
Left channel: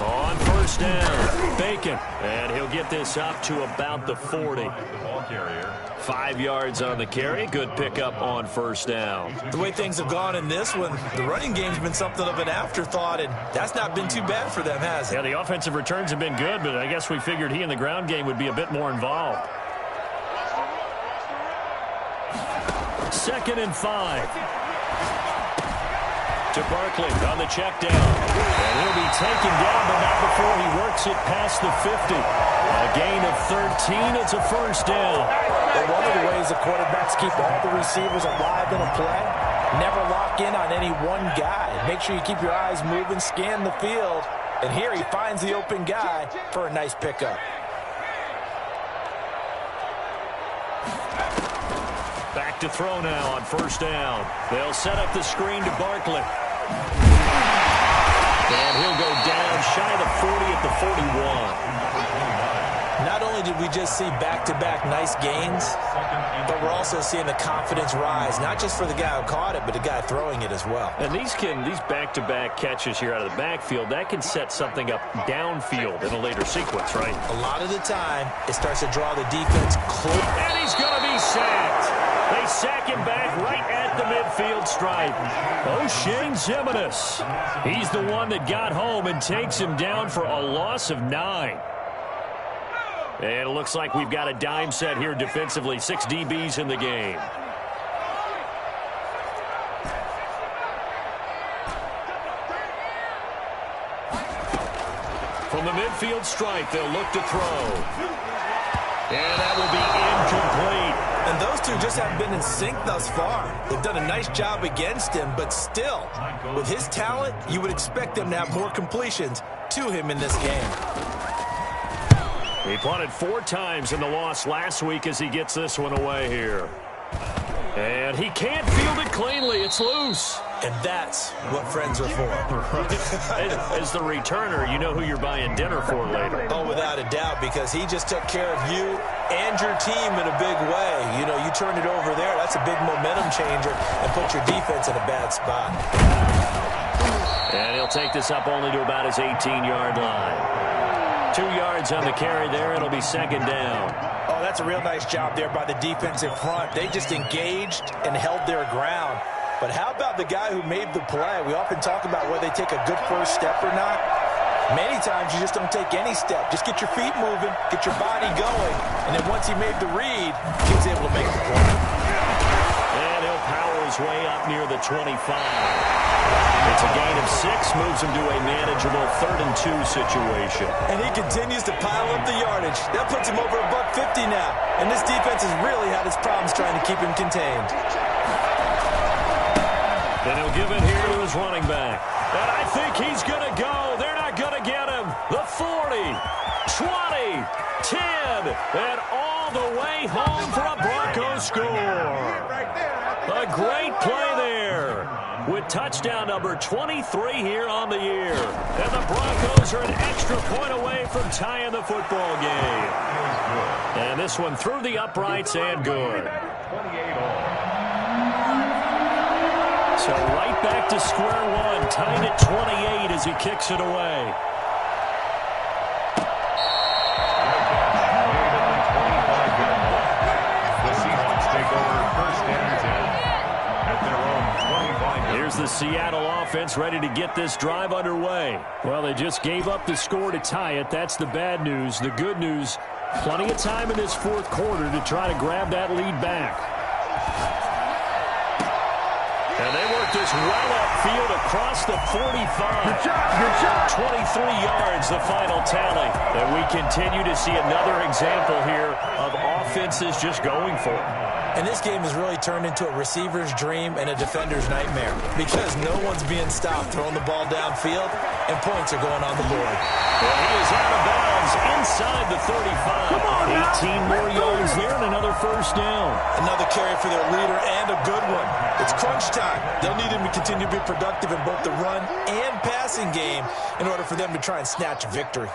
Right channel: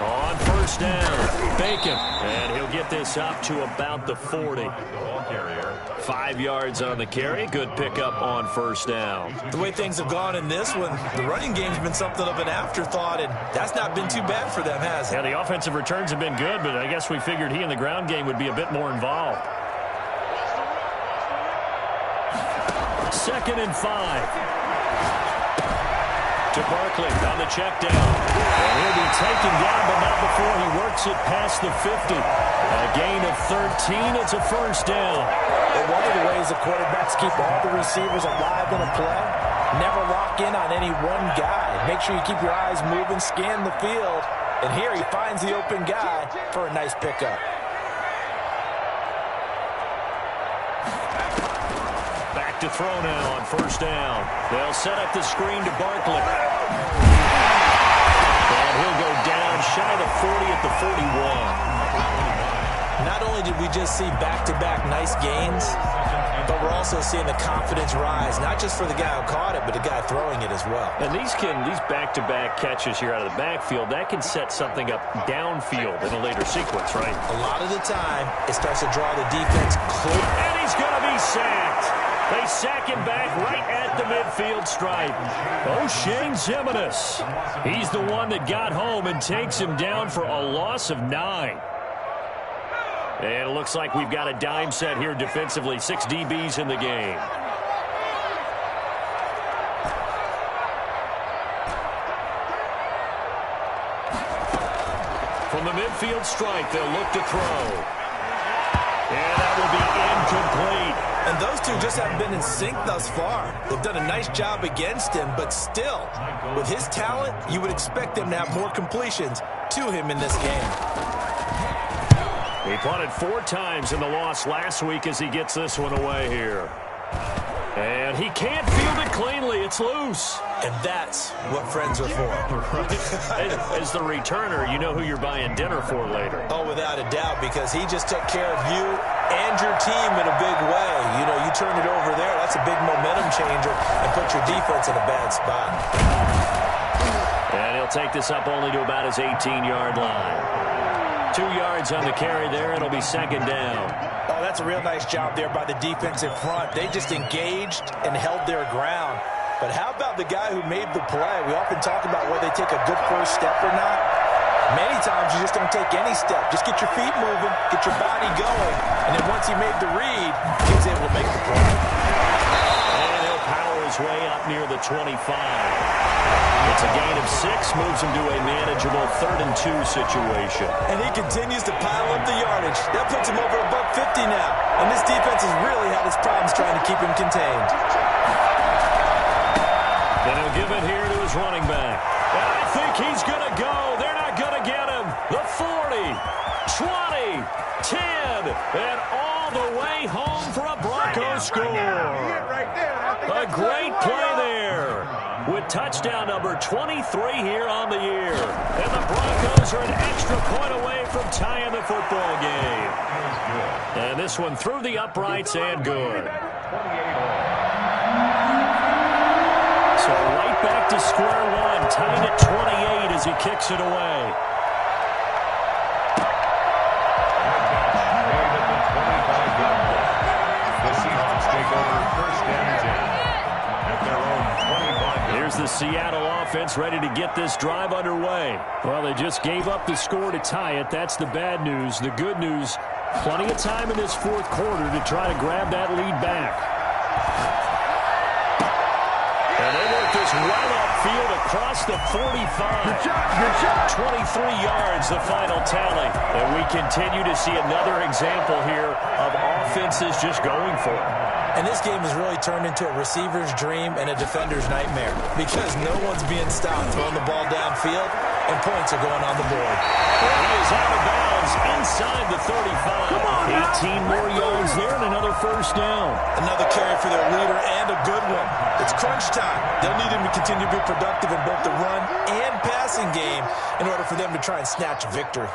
On first down, Bacon, and he'll get this up to about the 40. 5 yards on the carry. Good pickup on first down. The way things have gone in this one, the running game's been something of an afterthought, and that's not been too bad for them, has it? Yeah, the offensive returns have been good, but I guess we figured he in the ground game would be a bit more involved. 2nd and 5. To Barkley on the check down. And he'll be taken down, but not before he works it past the 50. A gain of 13. It's a first down. But one of the ways the quarterbacks keep all the receivers alive in a play, never lock in on any one guy. Make sure you keep your eyes moving, scan the field. And here he finds the open guy for a nice pickup. Back to throw now on first down. They'll set up the screen to Barkley. And he'll go down shy of the 40 at the 41. Not only did we just see back-to-back nice gains, but we're also seeing the confidence rise, not just for the guy who caught it, but the guy throwing it as well. And these back-to-back catches here out of the backfield, that can set something up downfield in a later sequence, right? A lot of the time, it starts to draw the defense close. And he's going to be sacked. They sack him back right at the midfield stripe. O'Shane Zimenez. He's the one that got home and takes him down for a loss of 9. And it looks like we've got a dime set here defensively. 6 DBs in the game. From the midfield stripe, they'll look to throw. And that will be incomplete. And those two just haven't been in sync thus far. They've done a nice job against him, but still, with his talent, you would expect them to have more completions to him in this game. He punted 4 times in the loss last week as he gets this one away here. And he can't field it cleanly. It's loose. And that's what friends are for. Right. As the returner, you know who you're buying dinner for later. Oh, without a doubt, because he just took care of you and your team in a big way. You know, you turn it over there, that's a big momentum changer, and put your defense in a bad spot. And he'll take this up only to about his 18-yard line. 2 yards on the carry there. It'll be 2nd down. Oh, that's a real nice job there by the defense in front. They just engaged and held their ground. But how about the guy who made the play? We often talk about whether they take a good first step or not. Many times you just don't take any step. Just get your feet moving, get your body going, and then once he made the read, he was able to make the play. And he'll power his way up near the 25. It's a gain of 6, moves him to a manageable 3rd and 2 situation. And he continues to pile up the yardage. That puts him over $150 now. And this defense has really had its problems trying to keep him contained. And he'll give it here to his running back. And I think he's going to go. They're not going to get him. The 40, 20, 10, and all the way home for a Broncos score. A great play there with touchdown number 23 here on the year. And the Broncos are an extra point away from tying the football game. And this one through the uprights and good. So right back to square one, tied at 28 as he kicks it away. Made at the 25-yard line. The Seahawks take over 1st and 10 at their own 25-yard. Here's the Seattle offense ready to get this drive underway. Well, they just gave up the score to tie it. That's the bad news. The good news, Plenty of time in this fourth quarter to try to grab that lead back. And they work this well upfield across the 45. Good shot. 23 yards, the final tally. And we continue to see another example here of offenses just going for it. And this game has really turned into a receiver's dream and a defender's nightmare because no one's being stopped throwing the ball downfield, and points are going on the board. And he is out of bounds inside the 35. Come on now. 18 more yards there and another first down. Another carry for their leader and a good one. It's crunch time. They'll need him to continue to be productive in both the run and passing game in order for them to try and snatch a victory.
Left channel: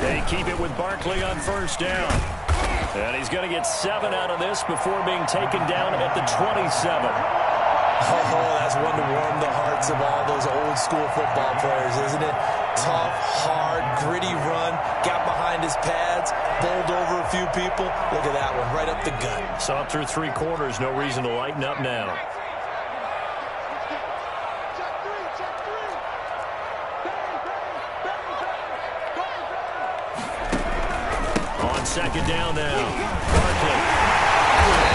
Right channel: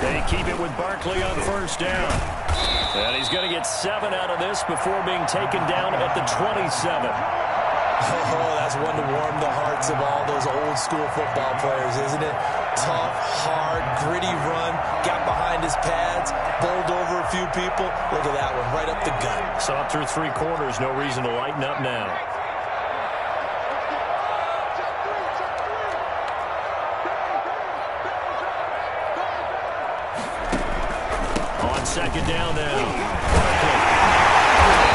They keep it with Barkley on first down. And he's going to get 7 out of this before being taken down at the 27. Oh, that's one to warm the hearts of all those old school football players, isn't it? Tough, hard, gritty run, got behind his pads, bowled over a few people. Look at that one, right up the gut. Saw it through 3 quarters, no reason to lighten up now. On second down now, Barkley.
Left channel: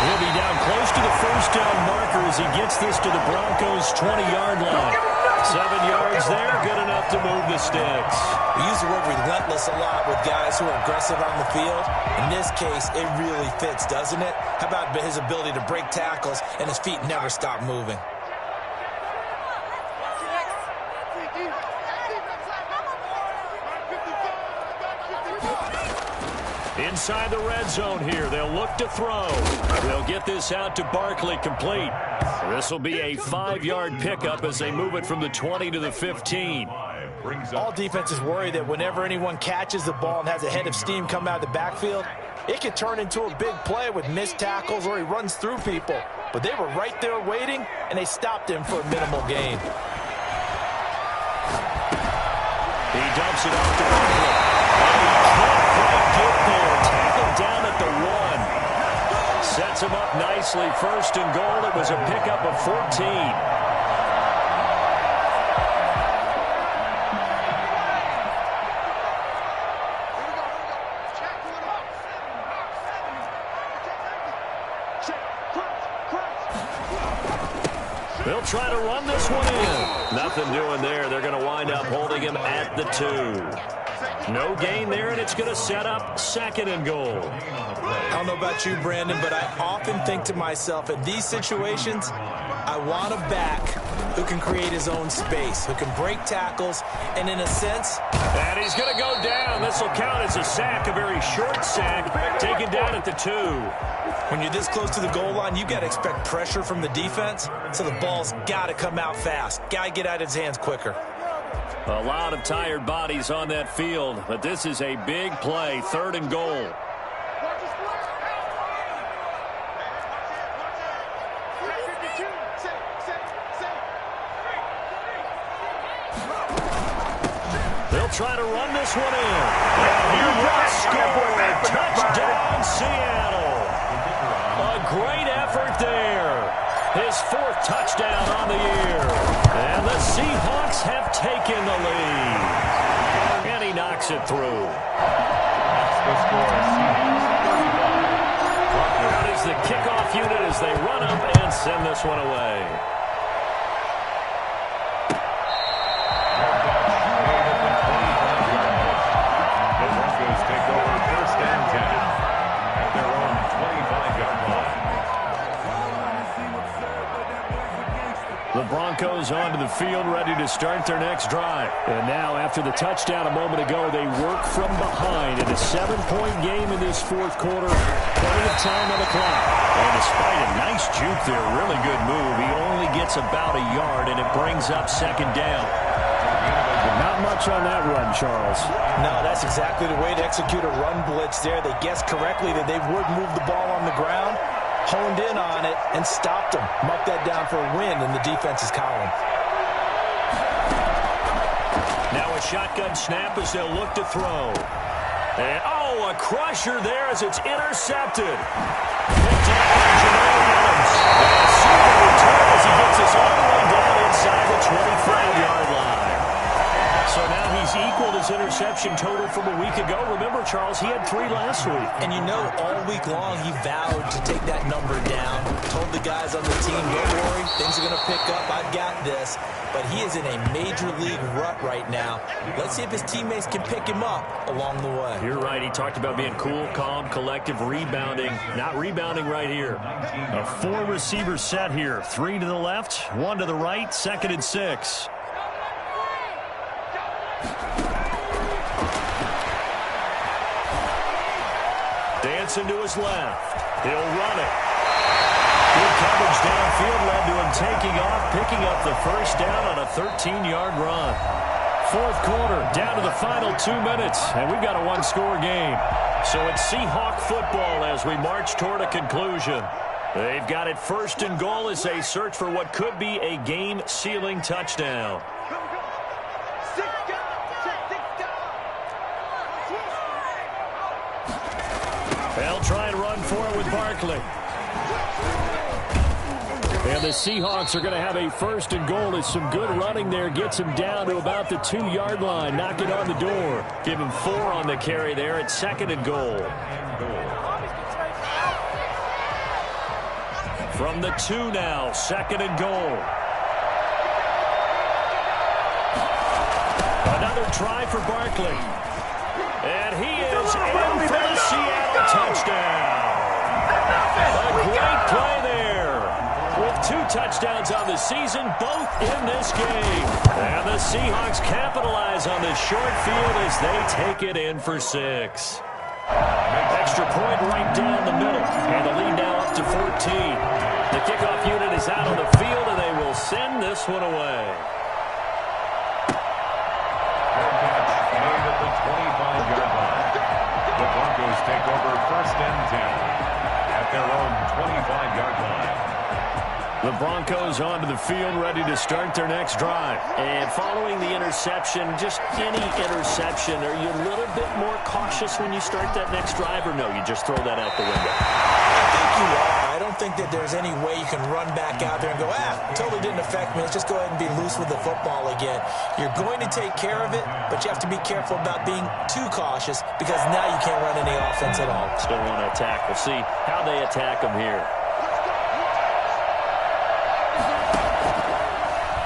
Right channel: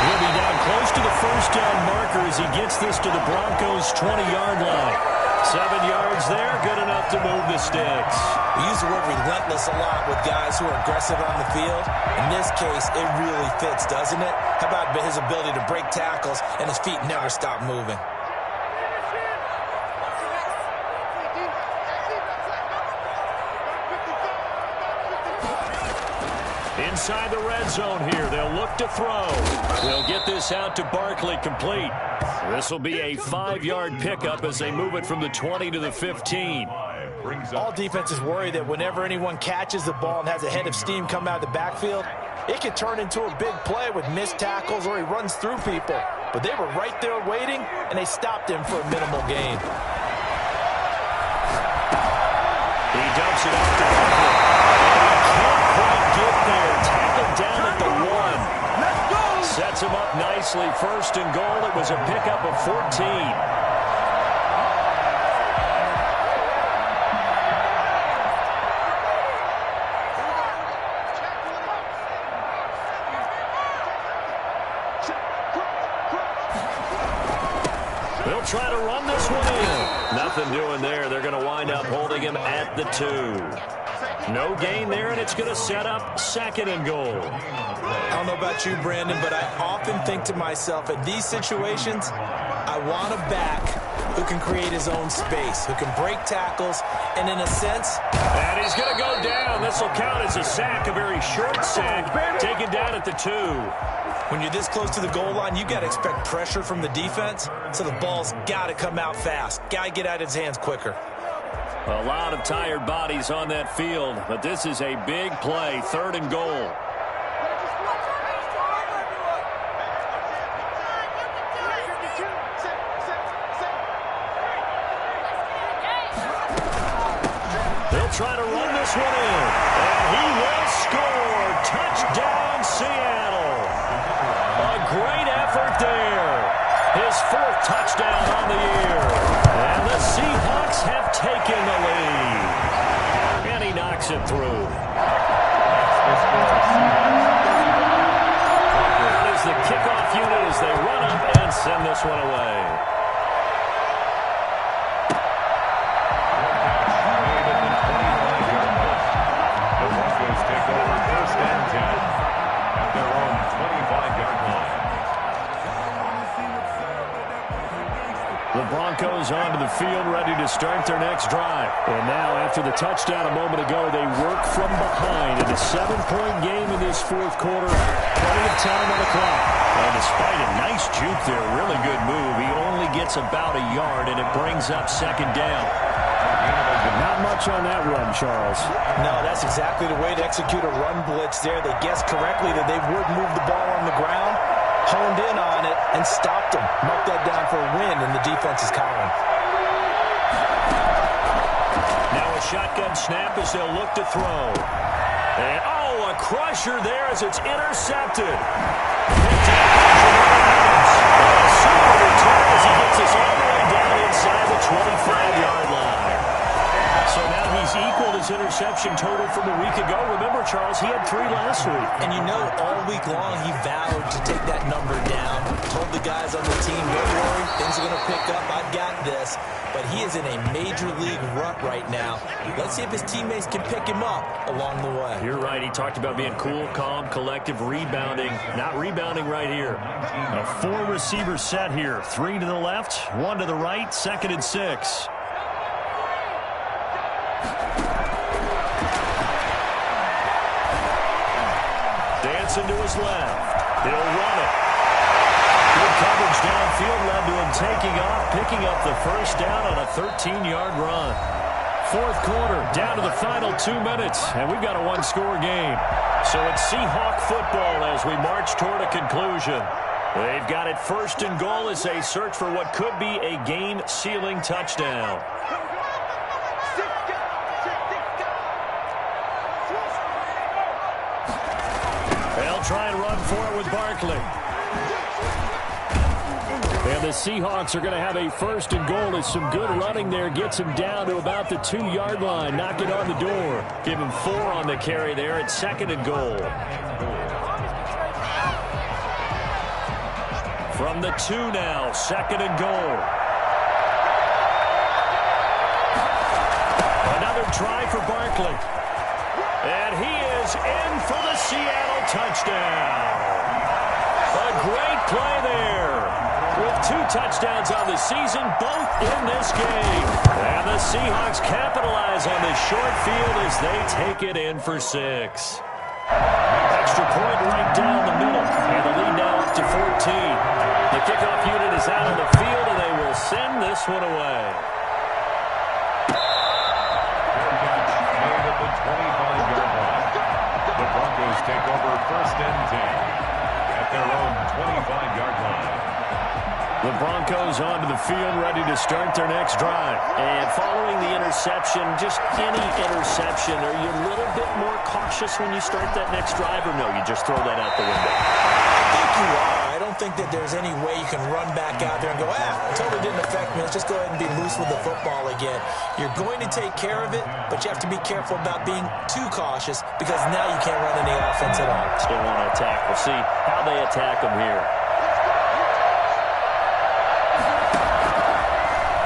He'll be down close to the first down marker as he gets this to the Broncos' 20-yard line. 7 yards there, good enough to move the sticks. We use the word relentless a lot with guys who are aggressive on the field. In this case, it really fits, doesn't it? How about his ability to break tackles and his feet never stop moving? Inside the red zone here, they'll look to throw. They'll get this out to Barkley complete. This will be a 5-yard pickup as they move it from the 20 to the 15. All defenses worry that whenever anyone catches the ball and has a head of steam come out of the backfield, it could turn into a big play with missed tackles or he runs through people. But they were right there waiting, and they stopped him for a minimal gain. He dumps it off to Barkley. And he can't quite get there. Tackled down at the 1. Sets him up nicely. First and goal. It was a pickup of 14. They'll try to run this one in. Nothing doing there. They're going to wind up holding him at the 2. No gain there, and it's going to set up second and goal. I don't know about you, Brandon, but I often think to myself, in these situations, I want a back who can create his own space, who can break tackles, and in a sense... And he's going to go down. This will count as a sack, a very short sack, taken down at the 2. When you're this close to the goal line, you've got to expect pressure from the defense, so the ball's got to come out fast. Got to get out of his hands quicker. A lot of tired bodies on that field, but this is a big play, third and goal. They'll try to run this one in, and he will score. Touchdown, Seattle. A great effort there. His 4th touchdown on the year. And the Seahawks have taken the lead. And he knocks it through. The score is Seahawks 35. That is the kickoff unit as they run up and send this one away. Fair catch made at the 25-yard line. The Broncos take over first and 10 at their own 25-yard line. The Broncos onto the field, ready to start their next drive. And now, after the touchdown a moment ago, they work from behind in a 7-point game in this fourth quarter. Plenty of time on the clock. And despite a nice juke there, really good move, he only gets about a yard, and it brings up second down. Not much on that run, Charles. No, that's exactly the way to execute a run blitz there. They guessed correctly that they would move the ball on the ground, honed in on it, and stopped them. Mark that down for a win in the defense's column. Now a shotgun snap as they'll look to throw. And, oh, a crusher there as it's intercepted. Picked up by Jamal Adams. And a super return as he gets us all the way down inside the 25-yard line. he's equaled his interception total from a week ago. Remember, Charles, he had 3 last week. And you know, all week long, he vowed to take that number down. Told the guys on the team, don't worry, things are going to pick up. I've got this. But he is in a major league rut right now. Let's see if his teammates can pick him up along the way. You're right. He talked about being cool, calm, collective, rebounding. Not rebounding right here. A 4-receiver set here. 3 to the left, 1 to the right, 2nd and 6. Dancing to his left. He'll run it. Good coverage downfield led to him taking off, picking up the first down on a 13-yard run. 4th quarter, down to the final 2 minutes, and we've got a 1-score game. So it's Seahawk football as we march toward a conclusion. They've got it 1st and goal as they search for what could be a game-sealing touchdown. They'll try and run for it with Barkley. And the Seahawks are going to have a 1st and goal as some good running there gets him down to about the 2-yard line. Knock it on the door. Give him 4 on the carry there at 2nd and goal. From the 2 now, 2nd and goal. Another try for Barkley. And he is in for the Seattle touchdown. A great play there. With 2 touchdowns on the season, both in this game. And the Seahawks capitalize on this short field as they take it in for 6. Extra point right down the middle. And the lead now up to 14. The kickoff unit is out on the field, and they will send this one away. Fair catch made at the 25-yard line. The Broncos take over 1st and 10 at their own 25-yard line. The Broncos onto the field, ready to start their next drive. And following the interception, just any interception, are you a little bit more cautious when you start that next drive, or no, you just throw that out the window? I think you are. I don't think that there's any way you can run back out there and go, totally didn't affect me. Let's just go ahead and be loose with the football again. You're going to take care of it, but you have to be careful about being too cautious because now you can't run any offense at all. Still want to attack. We'll see how they attack them here.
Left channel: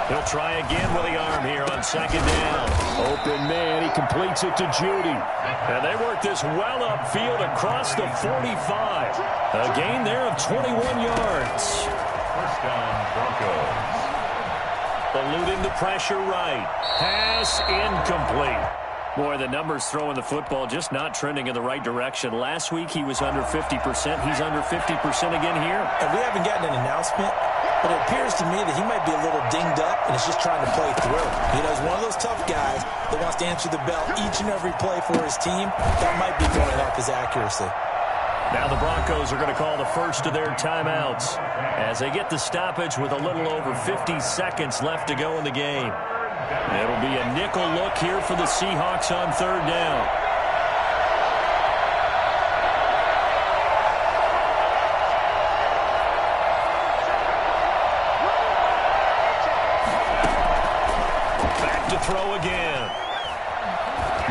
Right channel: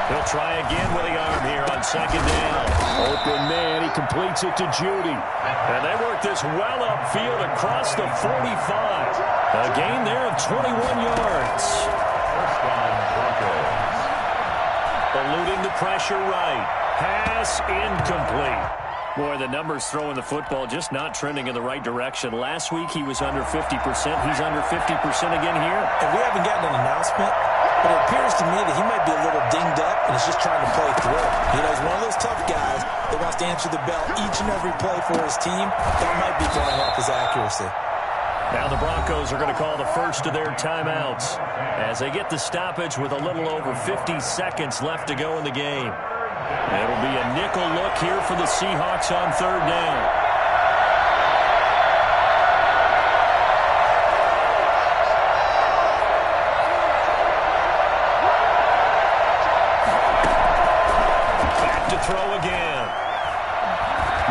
He'll try again with the arm here on 2nd down. Open man, he completes it to Judy. And they work this well upfield across the 45. A gain there of 21 yards. 1st down, Broncos. Eluding the pressure right. Pass incomplete. Boy, the numbers throwing the football just not trending in the right direction. Last week he was under 50%. He's under 50% again here. And we haven't gotten an announcement, but it appears to me that he might be a little dinged up and is just trying to play through. You know, he's one of those tough guys that wants to answer the bell each and every play for his team. That might be throwing off his accuracy. Now the Broncos are going to call the first of their timeouts as they get the stoppage with a little over 50 seconds left to go in the game. It'll be a nickel look here for the Seahawks on 3rd down. Back to throw again.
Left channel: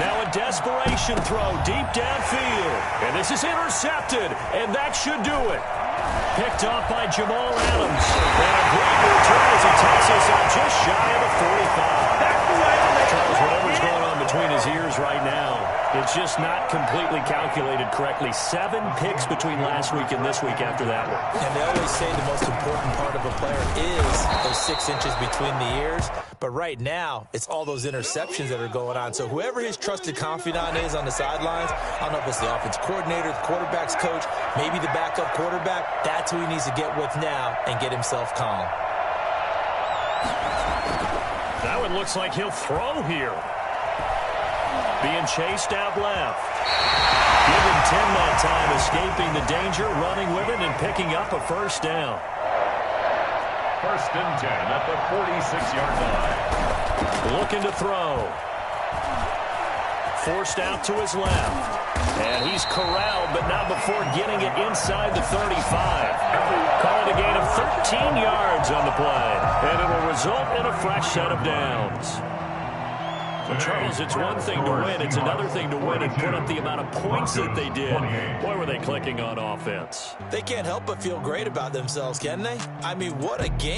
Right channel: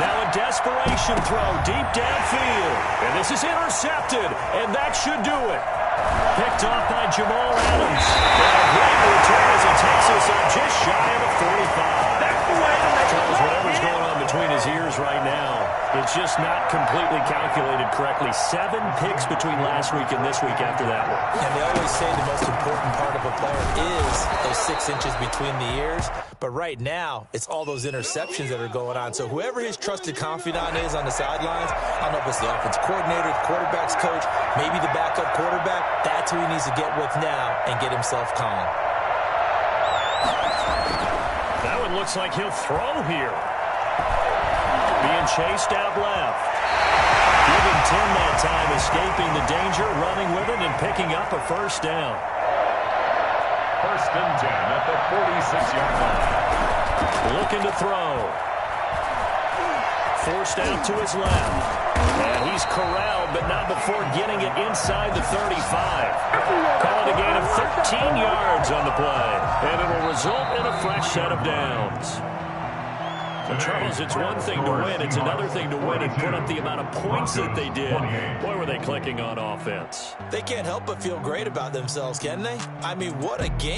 Now a desperation throw deep downfield. And this is intercepted, and that should do it. Picked off by Jamal Adams. And a great return as he takes us up just shy of the 45. Charles, whatever's going on between his ears right now, it's just not completely calculated correctly. 7 picks between last week and this week after that one. And they always say the most important part of a player is those 6 inches between the ears. But right now, it's all those interceptions that are going on. So whoever his trusted confidant is on the sidelines, I don't know if it's the offensive coordinator, the quarterback's coach, maybe the backup quarterback, that's who he needs to get with now and get himself calm. That one looks like he'll throw here. Being chased out left. Give him 10 that time, escaping the danger, running with it, and picking up a 1st down. 1st and 10 at the 46-yard line. Looking to throw. Forced out to his left. And he's corralled, but not before getting it inside the 35. Call it a gain of 13 yards on the play. And it will result in a fresh set of downs. Well, Charles, it's one thing to win. It's another thing to win and put up the amount of points that they did. Boy, were they clicking on offense. They can't help but feel great about themselves, can they? I mean, what a game.